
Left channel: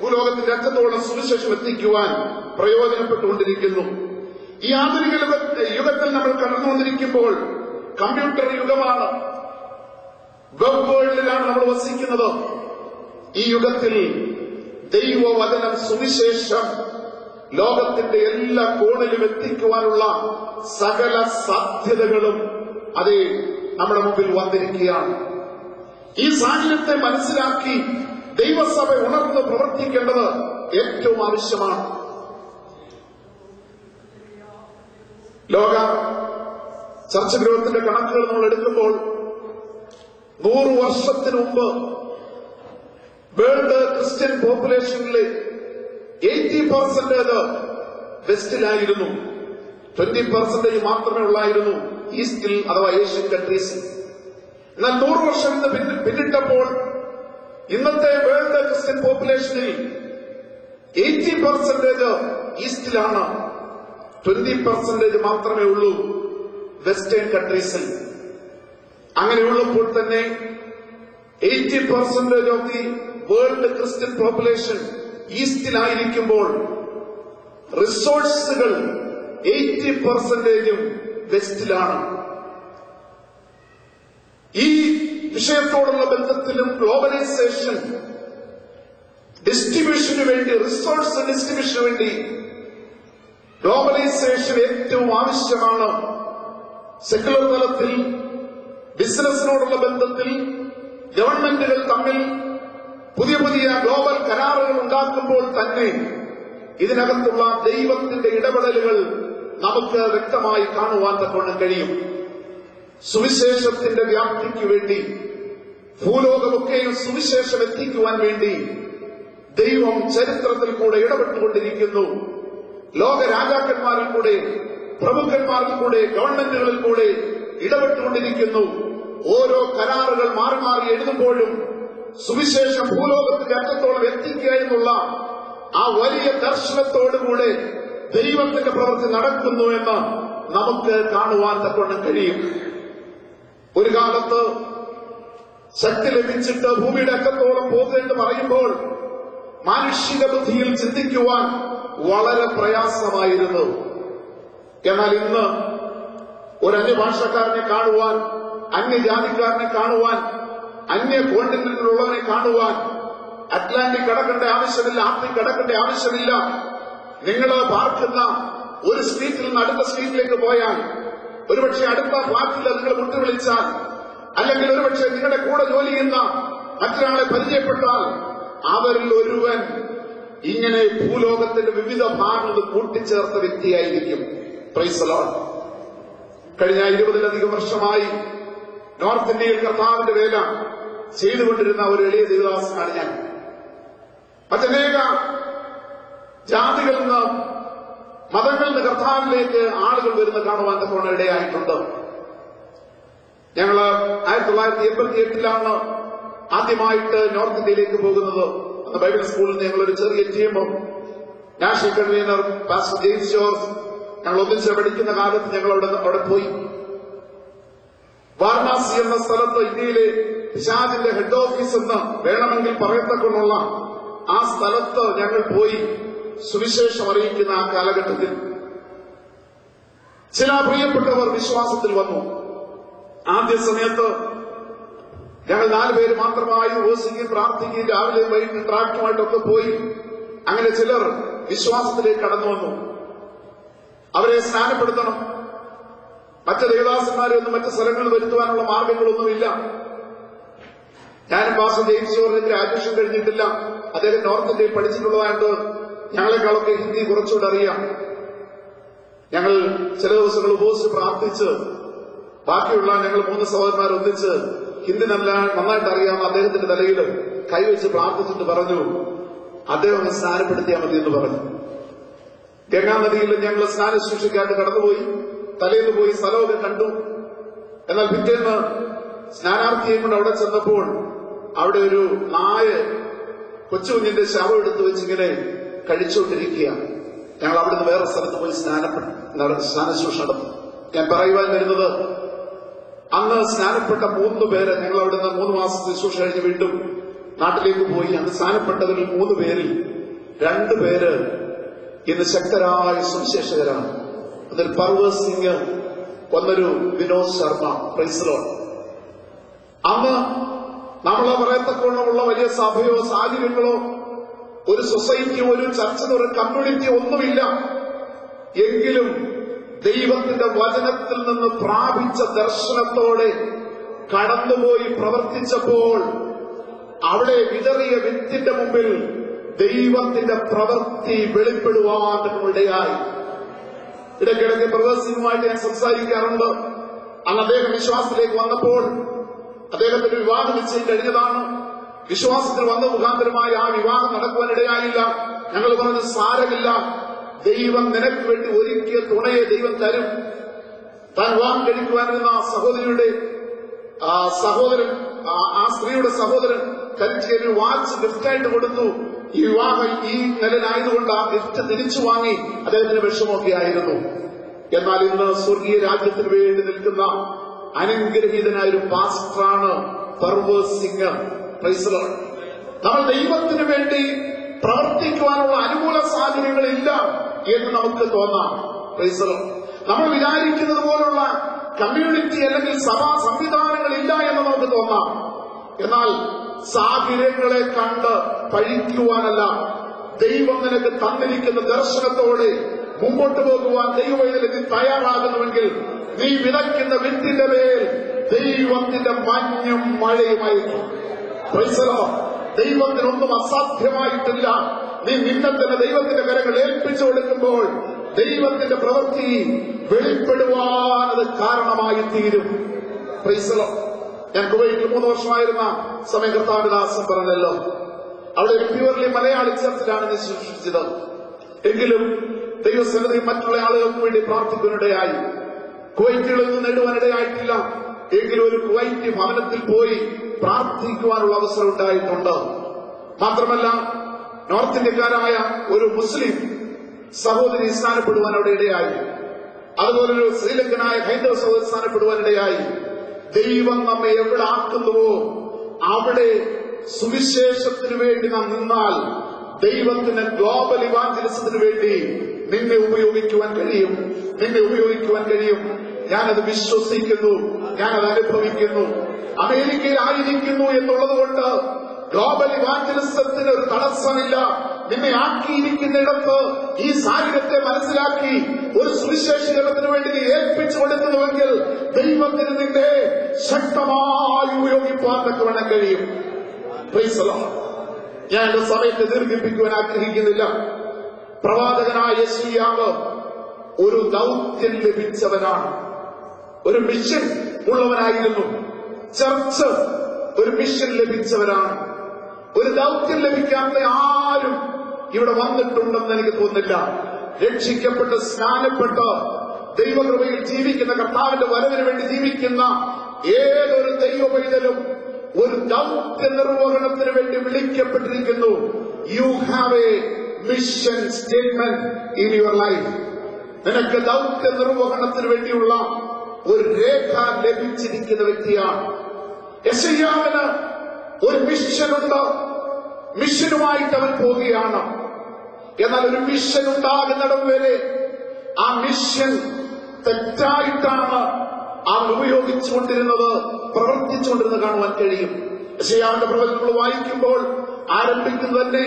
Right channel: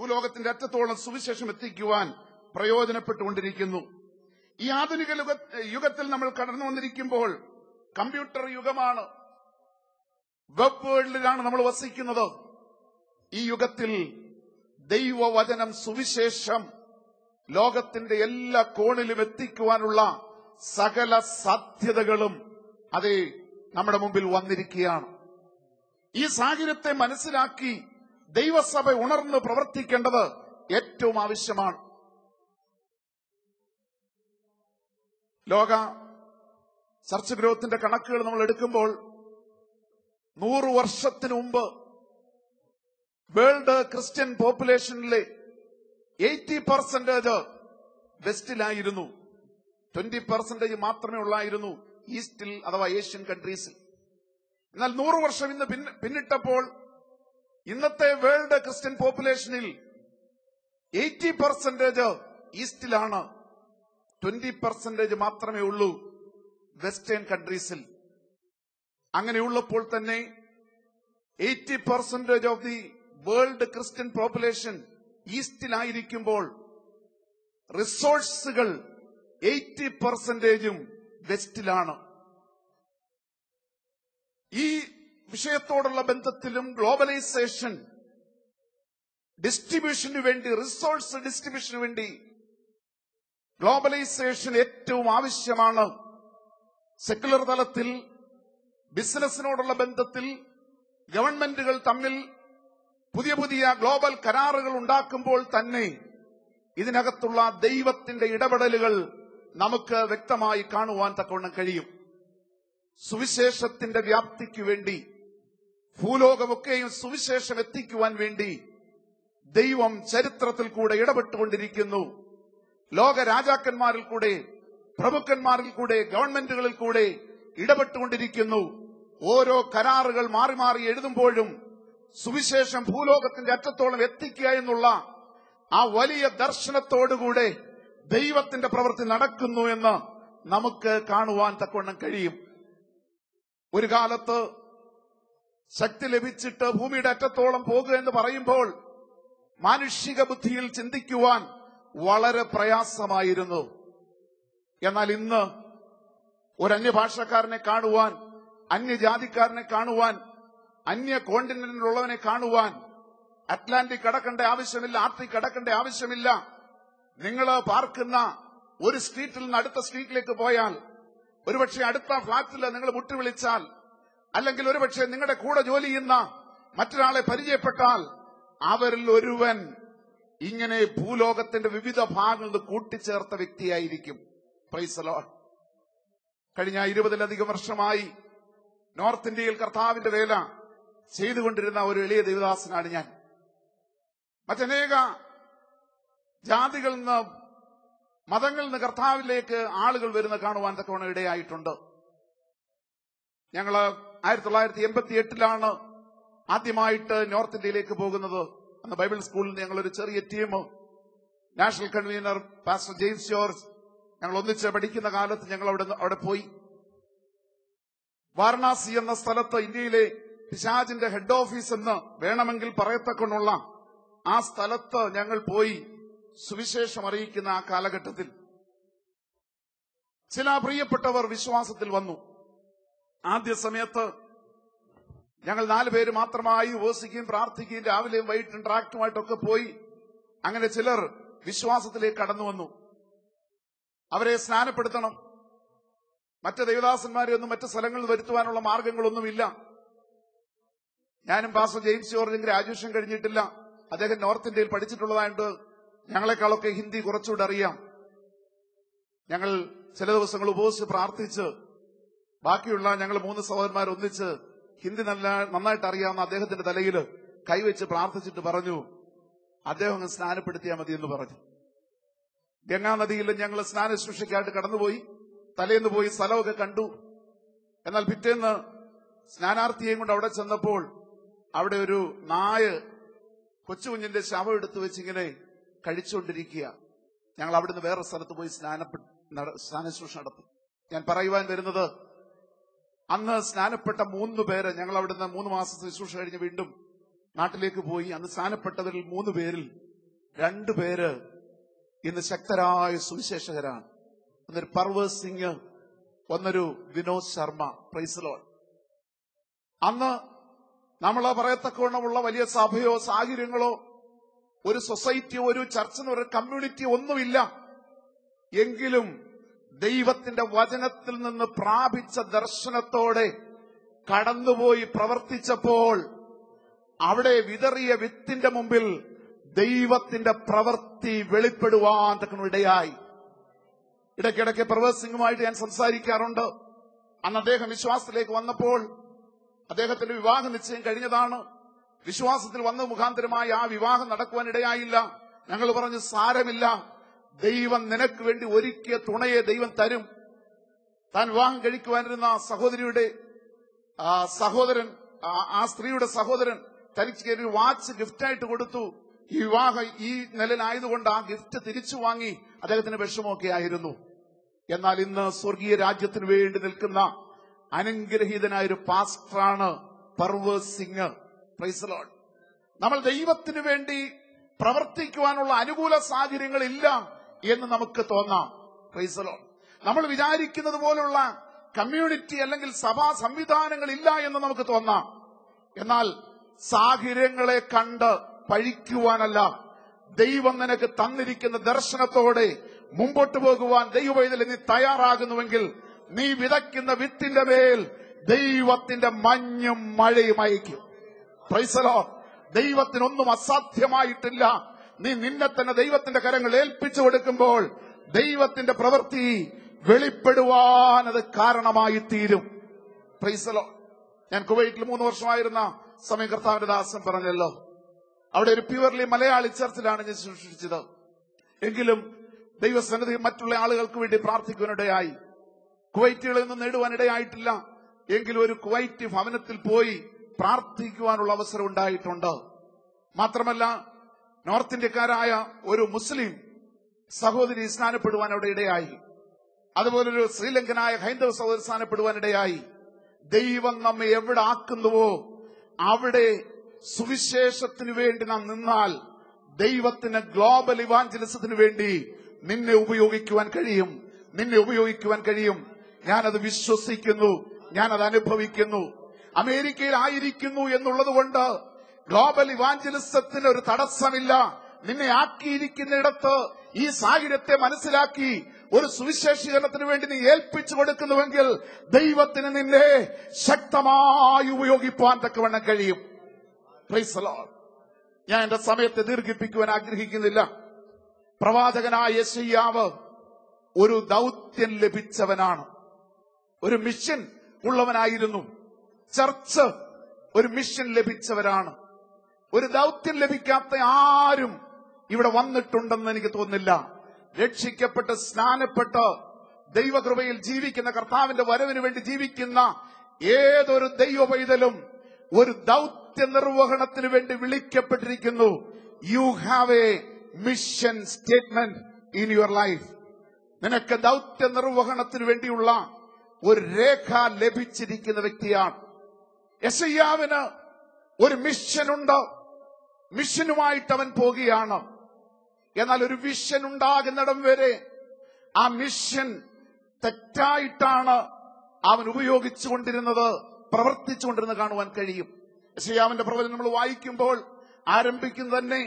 ഭൂലോകത്തിന്റെ അറ്റത്തോളം സുവിശേഷം എത്തിക്കുവാൻ പ്രയോജനപ്പെട്ടുകൊണ്ടിരിക്കുന്നു. ഈ ആധുനിക യുഗത്തിൽ നമ്മൾ കടന്നുകൊണ്ടിരിക്കുമ്പോൾ കമ്പ്യൂട്ടർ യുഗമാണ്, വെബ് വേൾഡിലാണ് നമ്മൾ വസിക്കുന്നത്. ഈ യുഗത്തിൽ ദൈവവചനം, സുവിശേഷം ലോകത്തിന്റെ എല്ലാ കോണിലും എത്തിക്കുവാനുള്ള സകല സാധ്യതകളും അത് നമ്മുടെ മുമ്പിൽ വന്നിരിക്കുകയാണ്. ഈ സാഹചര്യത്തെ മനസ്സിലാക്കി ദൈവസഭ ഉണർന്ന് പ്രവർത്തിക്കേണ്ടത് ഏറ്റവും ആവശ്യമാണ്. ലോക ചർച്ച ഗ്രൂപ്പത്തിന്റെ കണക്കുകൾ നമ്മൾ എടുക്കുമ്പോൾ 100 വർഷത്തിന് മുമ്പ് വേൾഡ് ക്രിസ്ത്യൻ പോപ്പുലേഷനിലെ 80% വെസ്റ്റിലായിരുന്നു, 20% മാത്രമേ ഉള്ളായിരുന്നു ഈസ്റ്റിൽ അഥവാ ഏഷ്യൻ കൺട്രീസിൽ. എന്നാൽ 100 വർഷം പിന്നിട്ടപ്പോൾ ഇന്നത്തെ വേൾഡ് ക്രിസ്ത്യൻ പോപ്പുലേഷനിൽ 80% ഈസ്റ്റിലാണ്, 20% മാത്രമേ ഉള്ളൂ വെസ്റ്റേൺ കൺട്രീസിൽ. അങ്ങനെയുള്ളപ്പോൾ തന്നെ 80% of the world Christian population ഈസ്റ്റിലായിരിക്കുമ്പോൾ റിസോഴ്സുകൾ 80% വെസ്റ്റിലാണ്. ഈ വിഷയത്തോടുള്ള ബന്ധത്തിലും ഗ്ലോബലൈസേഷൻ ഡിസ്ട്രിബ്യൂഷന് വേണ്ടി, റിസോഴ്സ് ഡിസ്ട്രിബ്യൂഷന് വേണ്ടി ഗ്ലോബലൈസേഷൻ ഏറ്റവും ആവശ്യമാണ്. സെക്യുലർ തലത്തിൽ ബിസിനസിനോടുള്ള ബന്ധത്തിൽ ഗവൺമെന്റുകൾ തമ്മിൽ പുതിയ പുതിയ ഗ്ലോബൽ കരാറുകൾ ഉണ്ടാക്കുമ്പോൾ തന്നെ ഇതിനകത്തുള്ള ദൈവത്തിന്റെ ഇടപെടലുകൾ നമുക്ക് വ്യക്തമായി കാണുവാൻ തക്കവണ്ണം കഴിയും. സുവിശേഷത്തിന്റെ വ്യാപ്തിക്ക് വേണ്ടി, ഭൂലോകമൊക്കെയും സുവിശേഷം എത്തിക്കുവാൻ വേണ്ടി ദൈവം ചരിത്രത്തിൽ കൂടെ ഇടപെട്ടുകൊണ്ടിരിക്കുന്നു. ലോക രാജാക്കന്മാരിൽ കൂടെ, പ്രമുഖന്മാരിൽ കൂടെ, ഗവൺമെന്റുകളിൽ കൂടെ ഇടപെട്ടുകൊണ്ടിരിക്കുന്നു. ഓരോ കരാറുകൾ മാറി മാറി എഴുതുമ്പോഴും സുവിശേഷം ഭൂലോകത്തിന്റെ അറ്റത്തോളം എത്തിക്കുക എന്നുള്ള ആ വലിയ ദർശനത്തോടുകൂടെ ദൈവത്തിന്റെ പ്രവൃത്തി നടക്കുന്നു എന്ന് നമുക്ക് കാണുവാൻ തക്കവണ്ണം കഴിയും. ഒരു കാലത്ത് ശക്തി ലഭിച്ചിട്ട് ഭൂമിയുടെ അറ്റത്തോളം പോകുക എന്ന് പറയുമ്പോൾ മാനുഷിക ബുദ്ധിയിൽ ചിന്തിക്കുവാൻ വളരെ പ്രയാസമായിരുന്നു. എന്നാൽ ഇന്ന് ഒരു അന്യഭാഷക്കാരനെ കാണുവാൻ, അന്യജാതിക്കാരനെ കാണുവാൻ, അന്യ കോണ്ടിനെന്റിലുള്ളവനെ കാണുവാൻ അറ്റ്ലാന്റിക് കടക്കേണ്ട ആവശ്യമില്ല, ആർട്ടിക് കടക്കേണ്ട ആവശ്യമില്ല. നിങ്ങൾ പാർക്കുന്ന ഒരു സ്ട്രീറ്റിൽ നിന്ന് അടുത്ത സ്ട്രീറ്റിലേക്ക് പോയാൽ, ഒരുപക്ഷെ അടുത്ത ഫ്ളാറ്റിൽ നിങ്ങൾ മുട്ടി വിളിച്ചാൽ, അല്ലെങ്കിൽ ഒരുപക്ഷെ നിങ്ങളുടെ കൂടെ ജോലി ചെയ്യുന്ന മറ്റൊരാളെ പരിചയപ്പെട്ടാൽ അവരിൽ ഒരുവൻ ഇങ്ങനെ ഭൂലോകത്തിന്റെ വിവിധ ഭാഗങ്ങൾ കൂട്ടിച്ചേർത്ത വ്യക്തിയായിരിക്കും. Praise the Lord. കഴിഞ്ഞ 20-ലധികം വർഷമായി നോർത്ത് ഇന്ത്യയിൽ കർത്താവിന്റെ വേല ചെയ്തുകൊണ്ടിരുന്ന ഒരു എളിയ ദേവദാസനാണ് ഞാൻ. മറ്റനേക ജാതികളിൽ നിന്ന്, മതങ്ങളിൽ നിന്ന് കർത്താവിലേക്ക് ആളുകൾ വരുന്ന കാണുവാൻ തക്കവണ്ണം ഇടയായിട്ടുണ്ട്. ഞങ്ങള് 1988 ആദ്യമായിട്ട് നോർത്ത് ഇന്ത്യയിലേക്ക് പോകുന്നത്. അന്ന് ബൈബിൾ സ്കൂളിൽ ഞങ്ങളൊരു ചെറിയ ടീമും national convener pastor David George ഞങ്ങൾ ഒന്നിച്ച് പഠിക്കുന്ന കാലത്ത് ഞങ്ങൾ അവിടെ പോയി. വാരണാസി എന്ന സ്ഥലത്ത് ഇന്ത്യയിലെ പിശാചിന്റെ ഹെഡ് ഓഫീസ് എന്ന് വേണമെങ്കിൽ പറയത്തക്കൊണ്ടുള്ള ആ സ്ഥലത്ത് ഞങ്ങൾ പോയി സുവിശേഷം അറിയിക്കുന്ന ആ കാലഘട്ടത്തിൽ ചില പ്രിയപ്പെട്ടവർ വിശ്വാസത്തിൽ വന്നു. ആദ്യ സമയത്ത് ഞങ്ങൾ 4 പേര് മാത്രമായി ഓസിക്കുകയും പ്രാർത്ഥിക്കുകയും രാവിലെ വൈകിട്ട് ട്രാക്ടറുമായിട്ടൊക്കെ പോയി. അങ്ങനെ ചിലർ വിശ്വാസത്തിലേക്ക് കടന്നു വന്നു. അവരെ സ്നാനപ്പെടുത്തണം. മറ്റ് ദേവദാസന്മാരൊന്നും മറ്റ് സ്ഥലങ്ങളിൽ വരുത്തുവാനുള്ള മാർഗങ്ങളൊന്നുമില്ല. ഞാൻ പാസ്റ്റർ ജെയിംസ് ജോർജിന്റെ അഡ്മിഷൻ കഴിഞ്ഞിട്ടില്ല. അദ്ദേഹം നോർത്ത് ഇന്ത്യയിൽ പഠിച്ചിട്ടുള്ളതായിട്ട് ഞങ്ങളെക്കാളൊക്കെ ഹിന്ദി കുറച്ചുകൂടെ അറിയാം. ഞങ്ങൾ ചില ദിവസങ്ങൾ ഉപവസിച്ച് പ്രാർത്ഥിച്ച് ബാക്കിയുള്ള ഞങ്ങൾ 3 സഹോദരന്മാർ ഒന്നിച്ച് ഹിന്ദി നന്നായിട്ട് അറിയാവുന്ന അദ്ദേഹത്തിന്റെ തലയിൽ കൈവച്ച് പ്രാർത്ഥിച്ചിട്ട് പറഞ്ഞു, അദ്ദേഹം ഒന്ന് സ്നാനപ്പെടുത്തിയാൽ മതി എന്ന് പറഞ്ഞു. ഗംഗാനദിയിൽ ഞങ്ങൾ സ്നാന ശുശ്രൂഷയ്ക്കായിട്ട് കടന്നുപോയി. തലേന്ന് പോയി സ്ഥലമൊക്കെ കണ്ടു. എന്നാൽ പിറ്റേന്ന് സ്നാനാർത്ഥിയും കൂടെ അവിടെ ചെന്നപ്പോൾ അവിടെ ഒരു നായ കൊച്ചുകുഞ്ഞിന്റെ ശവം എടുത്തു വെച്ചിങ്ങനെ കഴിച്ചുകൊണ്ടിരിക്കുക. ഞങ്ങൾ അവിടുന്ന് വേറെ സ്ഥലത്ത് പോയി സ്നാനശുശ്രൂഷ നടന്നു. ഞാൻ പറയുവാൻ വരുന്നത്, അന്ന് സ്നാനപ്പെട്ട 3 പേര് ഞങ്ങൾ അവിടുന്ന് 3 മാസത്തെ ശുശ്രൂഷ കഴിഞ്ഞ് വീണ്ടും നാട്ടിലേക്ക് പോയി. അന്ന് സ്നാനപ്പെട്ടവരിൽ 3 പേരിൽ 2 പേര് ഇന്ന് ശക്തരായ സുവിശേഷകരാണ്. ഒന്നൊരു പർവേസ് സിംഗ്, ഒന്നൊരു Vinod Sharma. Price the Lord. അന്ന് നമ്മളെ പറയത്തക്കോളമുള്ള വലിയ സഭയോ സാഹചര്യങ്ങളോ ഒരു സൊസൈറ്റിയോ ഒരു ചർച്ചിലോ ഒരു കമ്മ്യൂണിറ്റിയോ ഒന്നുമില്ല. എങ്കിലും ദൈവത്തിന്റെ വചനത്തിൽ നിന്ന് പ്രാപിച്ച ദർശനത്തോടെ കടന്നുപോയി പ്രവർത്തിച്ചപ്പോൾ അവിടെ വിതറിയ വിത്തിന്റെ മുമ്പിൽ ദൈവത്തിന്റെ പ്രവൃത്തി വെളിപ്പെടുവാൻ ഇടയായി. ഇടയ്ക്കിടയ്ക്ക് പ്രവാസികളുമായിട്ട് ഞാൻ സംസാരിക്കാറുണ്ട്. അന്ന് അദ്ദേഹം വിശ്വാസത്തിലേക്ക് വന്നപ്പോൾ അദ്ദേഹത്തിന് വിവാഹം നിശ്ചയം കഴിഞ്ഞതാണ്. വിശ്വാസത്തിൽ വന്ന മുഖാന്തരമായി ആ വിവാഹം നടക്കുവാനിടയായില്ല. ഞങ്ങൾ പറഞ്ഞത് സാരമില്ല, ദൈവം നിനക്ക് വേണ്ടി ഒരുക്കിയ തുണയെ ദൈവം തരും. താൻ വിവാഹം കഴിക്കുവാനിരുന്ന സഹോദരിയുടെ സഹോദരൻ, ആ സ്ത്രീയുടെ സഹോദരൻ തനിക്ക് ഒരു വാച്ച് ഗിഫ്റ്റായിട്ട് കൊടുത്തു. ഈ വിവാഹം ഈ നിലനായതുകൊണ്ട് ആ ഗിഫ്റ്റ് തിരിച്ചു വാങ്ങി അദ്ദേഹത്തിന് വിഷമമൊക്കെ ആയിരുന്നു. എന്നാൽ ഇന്ന് സ്വർഗീയ രാജ്യത്തിന് വേണ്ടി നിൽക്കുന്ന അനുഗ്രഹീതനായ ഒരു പാസ്റ്ററാണ് പർവേസ് സിംഗ്. നമ്മൾ ദൈവത്തിന് വേണ്ടി പ്രവർത്തിക്കുവാനുള്ള അനുകൂല സാഹചര്യങ്ങളില്ല എന്ന് നമുക്ക് തോന്നാം. നമ്മൾ വിചാരിക്കുന്നത് പോലുള്ള കമ്മ്യൂണിറ്റി അല്ലെങ്കിൽ സഭാ സംവിധാനങ്ങളില്ല എന്ന് നമുക്ക് തോന്നാം. എന്നാൽ സാഹചര്യങ്ങളെ കണ്ട് പഴിക്കുവാനല്ല, ദൈവം നിനക്ക് തന്നിരിക്കുന്ന ദർശനത്തോടെ മുമ്പോട്ട് പോകുവാൻ ദൈവവേദന നീ തയ്യാറാകുന്നുവെങ്കിൽ നീ വിതയ്ക്കുന്ന വിത്തിന്റെ മേൽ ദൈവത്തിന്റെ മഞ്ഞും മഴയുമായിരിക്കും. ദൈവത്തിനൊന്നും അസാധ്യമായിട്ടില്ല. നീ നിന്നെ തന്നെ ദൈവത്തിന്റെ കരങ്ങൾ ഏൽപ്പിച്ചു കൊടുക്കുമ്പോൾ ദൈവത്തിന്റെ പ്രവൃത്തി വെളിപ്പെടുവാൻ അത് കാരണമായി തീരും. ഞാൻ കുവൈറ്റിൽ 3 വർഷമായിരുന്ന സമയം കർത്താവിദാസൻ പറഞ്ഞല്ലോ, അവിടെ ഒരു പ്യൂർലി മലയാളി ചർച്ചിലാണ് ഞാൻ ശുശ്രൂഷിച്ചത്. എങ്കിലും ദൈവസന്നിധി മറ്റുള്ള ആളുകൾക്ക് വേണ്ടി പ്രാർത്ഥിക്കാനിടയായി. കുവൈറ്റിലൊന്നും നേടുവാനിടയായിട്ടില്ല. എങ്കിലും ഒരു കുവൈറ്റി ഭവനത്തിൽ പോയി പ്രാർത്ഥിക്കുവാനുള്ള അവസരം ഉണ്ടായിട്ടുണ്ട്. മാത്രമല്ല, നോർത്ത് ഇന്ത്യക്കാരായ ഒരു മുസ്ലിം സഹോദരി സ്ഥാനപ്പെടുവാൻ അവിടെ ഇടയായി. അതുപോലെ ഒരു ശ്രീലങ്കനായ ഹൈന്ദവ സഹോദരൻ സ്ഥാനപ്പെടുവാനിടയായി. ദൈവം നമ്മെ എവിടെ ആക്കുന്നുവോ അവിടെ സുവിശേഷത്തിന് വേണ്ടി നാം നിന്നാൽ ദൈവത്തിന് ഗ്ലോബൽ ഇവാഞ്ചലിസത്തിന് വേണ്ടി നിന്നെ ഉപയോഗിക്കുവാൻ കഴിയും. ഞാനത് വിശ്വസിക്കുന്നു, ഞാനത് അനുഭവിക്കുന്നു. അമേരിക്കയിൽ ആയിരിക്കുന്നു എന്നുള്ളത് കൊണ്ട് ഗ്ലോബൽ ഇവാഞ്ചലിസത്തിന് ഒരു തടസ്സമില്ല. നിന്നെ ആക്കിയിരിക്കുന്നിടത്ത് ഈ സാഹചര്യത്തെ മനസ്സിലാക്കി ഒരു സുവിശേഷീകരണത്തിന് വേണ്ടി നീ ഏൽപ്പിച്ചു കൊടുക്കുന്നുവെങ്കിൽ ദൈവത്തിന് നിന്നെ ശക്തമായി ഉപയോഗിപ്പാൻ തക്കവണ്ണം കഴിയും. ഞാൻ എന്റെ സമയത്ത് ദീർഘിപ്പിക്കുവാൻ ആഗ്രഹിക്കുന്നില്ല. പ്രവാചകനായ യെശയ്യാവ് ഒരു ദൗത്യം ലഭിച്ചവനാണ്, ഒരു മിഷൻ ഉള്ളവനായിരുന്നു. ചർച്ച് ഒരു മിഷൻ ലഭിച്ചവരാണ്. ഒരു ദൗത്യം ലഭിക്കാത്ത ആരും ഇവിടെ വന്നിട്ടുണ്ടെന്ന് എനിക്ക് തോന്നുന്നില്ല. രക്ഷിക്കപ്പെട്ട് സ്നാനപ്പെട്ട് ദൈവകൃപയിൽ ജീവിക്കുന്ന, കർത്താവിന്റെ വരവിന് വേണ്ടി ജീവിക്കുന്ന ഏതൊരു ദൈവപൈതലും ഒരു ദൗത്യ നിർവഹണത്തിന് വേണ്ടി വിളിക്കപ്പെട്ടിരിക്കുന്നു. You have a mission statement in your life. നിനക്ക് ദൗത്യ നിർവഹണത്തിന് വേണ്ടിയുള്ള ഒരു രേഖ ലഭിച്ചിരിക്കുന്ന വ്യക്തിയാണ്. യെശയ്യാവിന് ഒരു മിഷനുണ്ട്. മിഷനുമായിട്ട് അവൻ പോവുകയാണ്. എന്നാൽ ഒരു മിഷൻ ഉണ്ടാകുന്നിടം വരെ ആ മിഷൻ തെറ്റായിട്ടാണ് അവൻ ഉപയോഗിച്ചുകൊണ്ടിരുന്നത്, പ്രവർത്തിച്ചുകൊണ്ടിരുന്നത് കാണുവാൻ കഴിയും. യെശയ്യാവിന്റെ പ്രവചനങ്ങൾ വായിക്കുമ്പോൾ ആരംഭിക്കുന്ന തന്നെ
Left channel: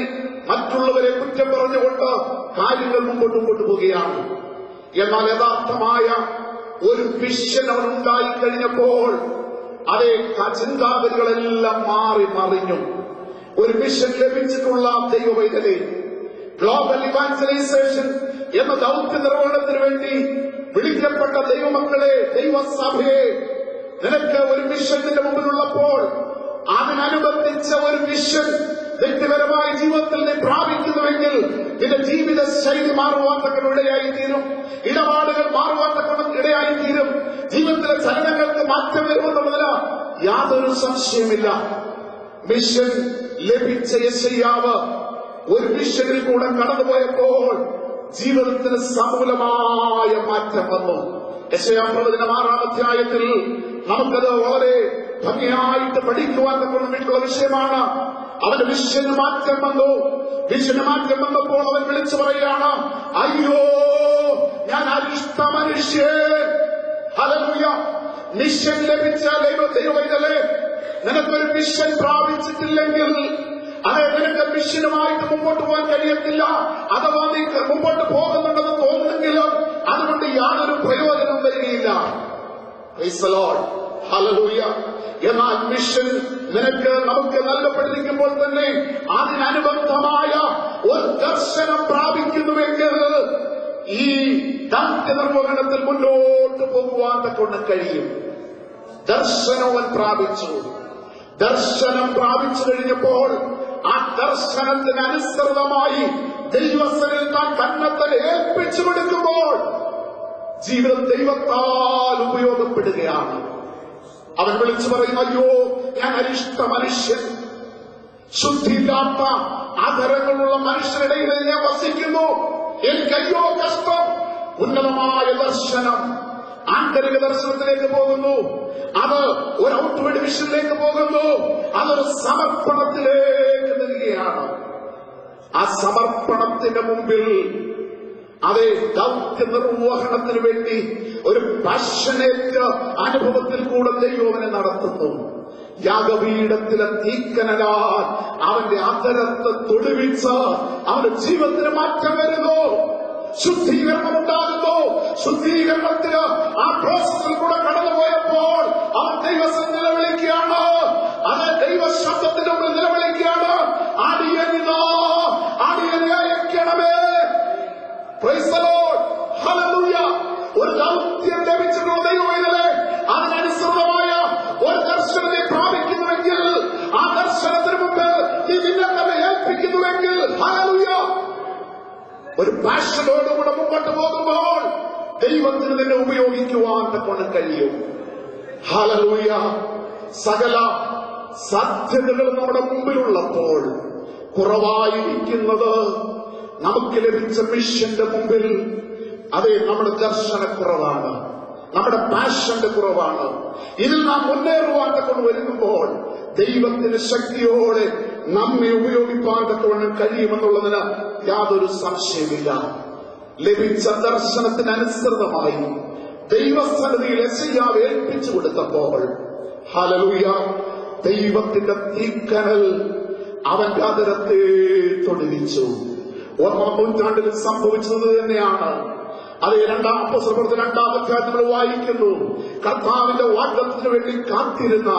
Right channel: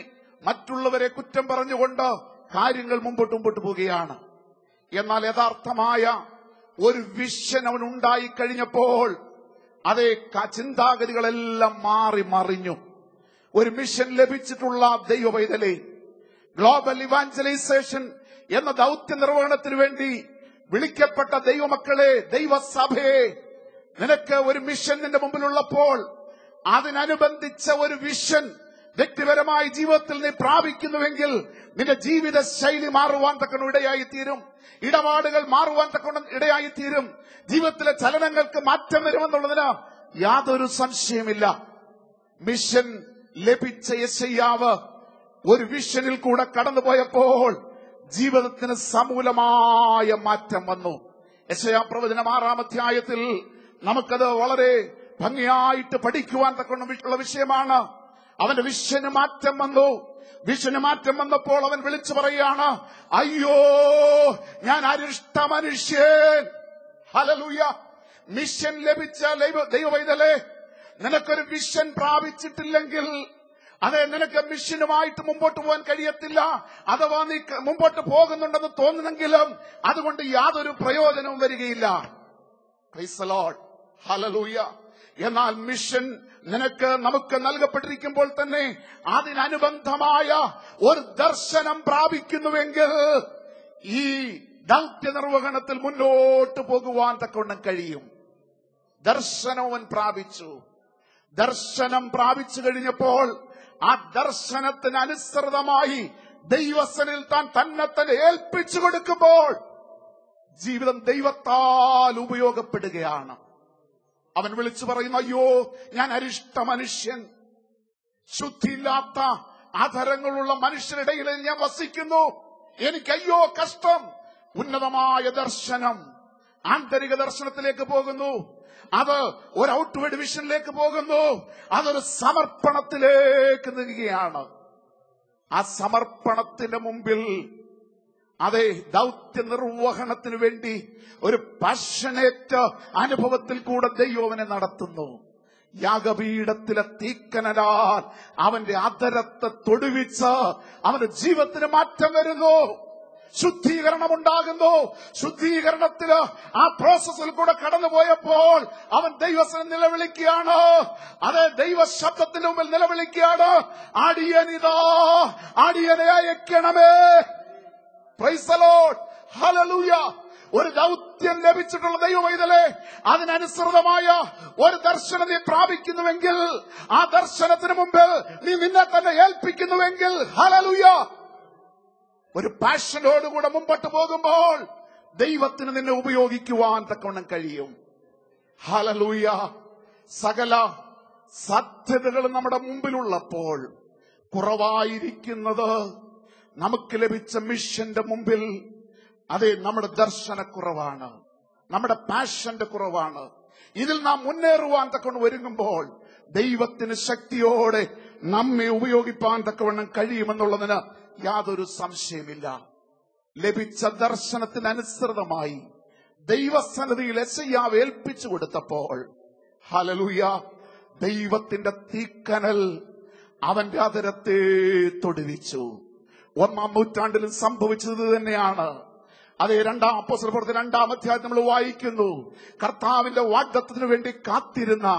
മറ്റുള്ളവരെ കുറ്റം പറഞ്ഞുകൊണ്ട് കാര്യങ്ങൾ മുമ്പോട്ട് പോവുകയാണ്. എന്നാൽ യഥാർത്ഥമായ ഒരു വിഷൻ അവൻ ഉണ്ടായിക്കഴിഞ്ഞപ്പോൾ അതേ ചിന്താഗതികളെല്ലാം മറിഞ്ഞു. ഒരു മിഷൻ ലഭിച്ചിട്ടുള്ള ദൈവവേദനയെ ഗ്ലോബൽ ഇവാഞ്ചലൈസേഷൻ എന്ന ദൗത്യ നിർവഹണത്തിന് വേണ്ടി വിളിക്കപ്പെട്ട ദൈവമക്കളെ, ദൈവസഭയെ, നിനക്ക് ഒരു മിഷൻ നിന്റെ മുമ്പിലുള്ളപ്പോൾ അതിനനുബന്ധിച്ച ഒരു മിഷൻ വ്യക്തിപരമായ ജീവിതത്തിൽ നീ പ്രാപിക്കുന്നുവെങ്കിൽ നിന്റെ ജീവിത ശൈലി മാറുവാൻ തക്ക ഇടയായിത്തീരും. ഇടപാടുകൾ മാറുവാൻ തക്ക ഇടയായിത്തീരും. ജീവിതത്തിലെ ചലനങ്ങൾക്ക് മാറ്റം വരുമെന്നുള്ളതിന് യാതൊരു സംശയമില്ല. മിഷൻ ലഭിച്ച യെശയ്യാവ് ഒരു മിഷനിൽ കൂടെ കടന്നുപോയപ്പോൾ ജീവിതത്തിന് സമൂലമായ മാറ്റം വന്നു. യെശയ്യാ പ്രവചനം 6-ാം അധ്യായത്തിൽ നമുക്കത് വളരെ ഭംഗിയായിട്ട് പഠിക്കുവാൻ തക്കമുള്ള വിഷയമാണ്. അവന് വിഷന് മാറ്റം വന്നു. വിഷന് മാറ്റം വന്നപ്പോൾ അവൻ വിളിച്ചു പറയുകയാണ്, അയ്യോ ഞാൻ അരിഷ്ട മനുഷ്യൻ. ഹല്ലേലൂയ. മിഷൻ ലഭിച്ച ദൈവവേദനേ, നിനക്കൊരു മിഷൻ പ്രാപിച്ചിട്ടില്ലെങ്കിൽ അതായത് നിനക്ക് മിഷനുമായിട്ട് മുമ്പോട്ട് പോകാൻ കഴിയത്തില്ല. അഥവാ നീ മുമ്പോട്ട് പോകുന്നുണ്ടെന്ന് തോന്നുന്നെങ്കിലും അതുകൊണ്ട് യാതൊരു പ്രയോജനം വരികയില്ല. Price the Lord. ഹല്ലേലൂയ. എന്നാൽ മിഷൻ നമുക്ക് നൽകപ്പെട്ടിരിക്കുമ്പോൾ തന്നെ അതിനനുബന്ധമായ ഒരു ദർശനം പ്രാപിക്കുന്നുവെങ്കിൽ ഈ ദൗത്യ നിർവഹണത്തിൽ മുന്നോട്ട് പോകുവാൻ കൊണ്ട് കഴിയും. ദർശനവും പ്രാപിച്ചു. ദർശനം പ്രാപിച്ചു കഴിഞ്ഞപ്പോൾ ആ ദർശനത്തിനനുസൃതമായി ദൈവസ്ഥനിൽ താൻ തന്നെ ഏൽപ്പിച്ചു കൊടുക്കുമ്പോൾ ദൈവത്താൽ ഉപയോഗപ്പെടുകയാണ്. അവൻ വിളിച്ചു പറയും, അയ്യോ ഞാൻ അരിഷ്ട മനുഷ്യൻ, ശുദ്ധിയില്ലാത്ത ആദരങ്ങളുള്ള മനുഷ്യരുടെ ഇടയിൽ ഞാൻ വസിക്കുന്നു, എനിക്ക് അയ്യോ കഷ്ടം. ഉന്നതമായ ദർശനം ആന്തരിക ദർശനത്തിലേക്ക് പോകുന്നു. അത് ഒരു ഔട്ട്വേർഡ് വിഷനിലേക്ക് പോകുന്നു. അതൊരു സമർപ്പണത്തിലേക്ക് നീങ്ങുകയാണ്. ആ സമർപ്പണത്തിന് മുമ്പിൽ അതേ ദൗത്യ നിർവഹണത്തിന് വേണ്ടി ഒരു പാഷനേറ്റ് അനുഭവത്തിൽ കൂടെ ദൈവനെ നടത്തുന്നു. യാഗപീഠത്തിലെ തീക്കനലാൽ അവന്റെ അതരത്തെ തൊടുവിച്ച് അവന്റെ ജീവിതത്തിന് മാറ്റം വരുന്നു, ശുദ്ധീകരണം ഉണ്ടാകുന്നു. ശുദ്ധീകരണത്തിന് ആ പ്രോസസ്സിൽ കൂടെ കടന്നുപോയപ്പോൾ അവൻ ദൈവത്തിൽ നിലവിളിക്കുകയാണ്. അത് ദൈവശബ്ദത്തിന് മുമ്പിൽ നിലവിളിക്കുകയാണ്, അടിയനിതാ, അടിയനെ അയക്കണമേ. Praise the Lord, hallelujah. ഒരു ദൗത്യം ലഭിച്ചിട്ടുള്ള ദൈവമേ, അതിനനുസൃതമായ ഒരു ദർശനത്തെ പ്രാപിക്കുന്നുവെങ്കിൽ, ആ ദർശനത്തിന് മുമ്പ് നീ നിന്നെ തന്നെ ഏൽപ്പിക്കുന്നുവെങ്കിൽ, ഹല്ലേലൂയ, ഒരു പാഷനോടുകൂടെ മുമ്പോട്ട് പോകുമ്പോൾ ദൈവത്തിന് നിന്നെ ഉപയോഗിക്കുവാൻ തക്കൊണ്ട് കഴിയും. ഹല്ലേലൂയ. സകല സാധ്യതകൾ നമ്മുടെ മുമ്പിലുള്ളപ്പോൾ കുറവായിരിക്കുന്നത് നമുക്ക് ലഭിച്ച മിഷന്റെ മുമ്പിൽ അതേ നമ്മുടെ ദർശനക്കുറവാണ്, നമ്മുടെ പാഷന്റെ കുറവാണ്. ഇതിൽ നാം മുന്നേറുവാൻ തക്കൊണ്ട് വരുമ്പോൾ ദൈവത്തിന് ശക്തിയോടെ നമ്മെ ഉപയോഗിപ്പാൻ തക്കവണ്ണം കഴിയുമെന്നുള്ളതിന് യാതൊരു സംശയമില്ല. ലഭിച്ച ദർശനത്തിനനുസൃതമായി ദൈവസന്നിധിയിൽ യെശയ്യാവ് ഏൽപ്പിച്ചു കൊടുത്തപ്പോൾ, ഹല്ലേലൂയ, ദൈവത്തിന്റെ തീക്കനൽ അവന്റെ അതരത്തെ തൊടുവിച്ചു. 1-ാം നൂറ്റാണ്ടിൽ സംഭവിച്ചത് തന്നെയാണ്. അത് 2-ാം പുസ്തകത്തിൽ 2-ാം അധ്യായത്തിൽ വായിക്കുന്നു. കർത്താവിന്റെ വാഗ്ദത്തത്തിന് വേണ്ടി കാത്തിരുന്ന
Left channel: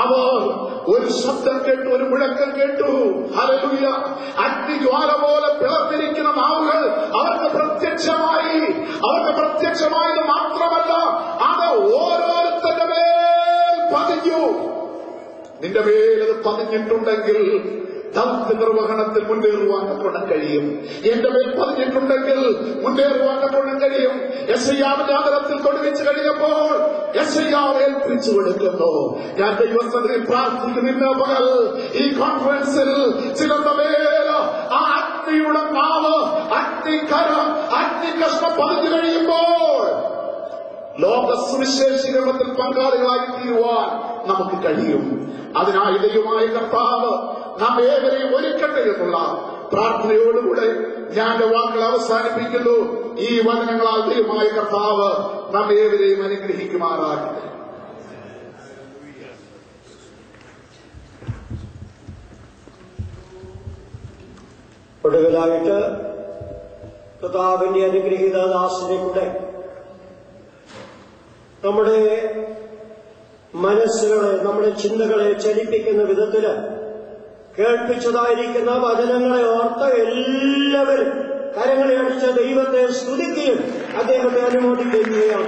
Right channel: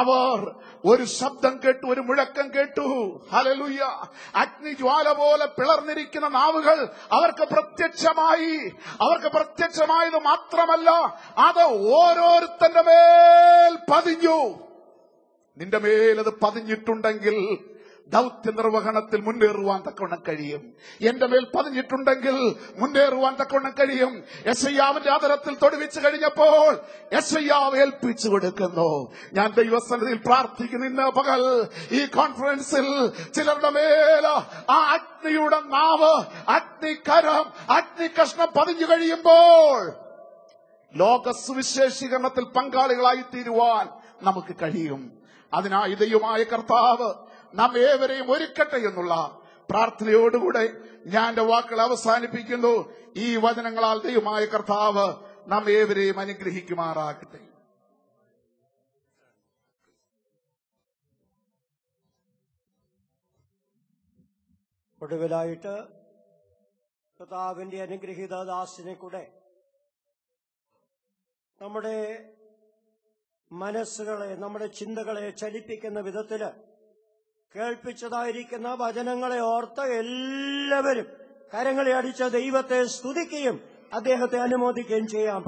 അവർ ഒരു ശബ്ദം കേട്ടു, ഒരു മുഴക്കം കേട്ടു. ഹല്ലേലൂയ. അഗ്നിജ്വാല പോലെ പിളർന്നിരിക്കുന്ന നാവുകൾ അവർക്ക് പ്രത്യക്ഷമായത് മാത്രമല്ല, അത് ഓരോരുത്തരുടെ മേൽ പതിഞ്ഞു. നിന്റെ മേലത് പതിഞ്ഞിട്ടുണ്ടെങ്കിൽ ദൗത്യ നിർവഹണത്തിൽ മുന്നേറുവാൻ തക്കൊണ്ട് കഴിയും. എന്റെ മേൽ പതിഞ്ഞിട്ടുണ്ടെങ്കിൽ മുന്നേറുവാൻ തക്കൊണ്ട് കഴിയും. യെശയ്യാവിന്റെ ആദരത്തിൽ തൊടുവിച്ചു കഴിഞ്ഞപ്പോൾ യെശയ്യാവ് ഏൽപ്പിച്ചു കൊടുക്കുന്നു. ഞാൻ ദൈവസന്നിധിയിൽ പ്രാർത്ഥിക്കുന്ന പകൽ ഈ കോൺഫറൻസിൽ ചിലരുടെ മേൽ ആ അഗ്നിയുടെ നാവ്, അഗ്നികരം, അഗ്നികഷ്ണം പതിഞ്ഞു കഴിയുമ്പോൾ ലോക സുവിശേഷീകരണത്തിൽ പങ്കാളികളായി തീരുവാൻ നമുക്ക് കഴിയും. അതിനായി ദൈവമായ കർത്താവ് നാം ഏവരെയും ഒരുക്കട്ടെ എന്നുള്ള പ്രാർത്ഥനയോടുകൂടെ ഞാൻ എന്റെ വാക്കുകൾ അവസാനിപ്പിക്കുന്നു. ഈ വചനങ്ങളാൽ ദൈവമായ കർത്താവ് നാം ഏവരെയും അനുഗ്രഹിക്കുമാറാകട്ടെ. ഒടുവിലായിട്ട് കർത്താവിന്റെ അനുഗ്രഹീത ദാസനെ കൂടെ നമ്മുടെ മനസ്സുകളെ, നമ്മുടെ ചിന്തകളെ ചലിപ്പിക്കുന്ന വിധത്തില് കേൾപ്പിച്ചതായിരിക്കുന്ന വചനങ്ങളെ ഓർത്ത് എല്ലാവരും കരങ്ങളെ അടിച്ച ദൈവത്തെ സ്തുതിക്കുകയും അദ്ദേഹത്തെ അനുമോദിക്കുകയും ചെയ്യാം.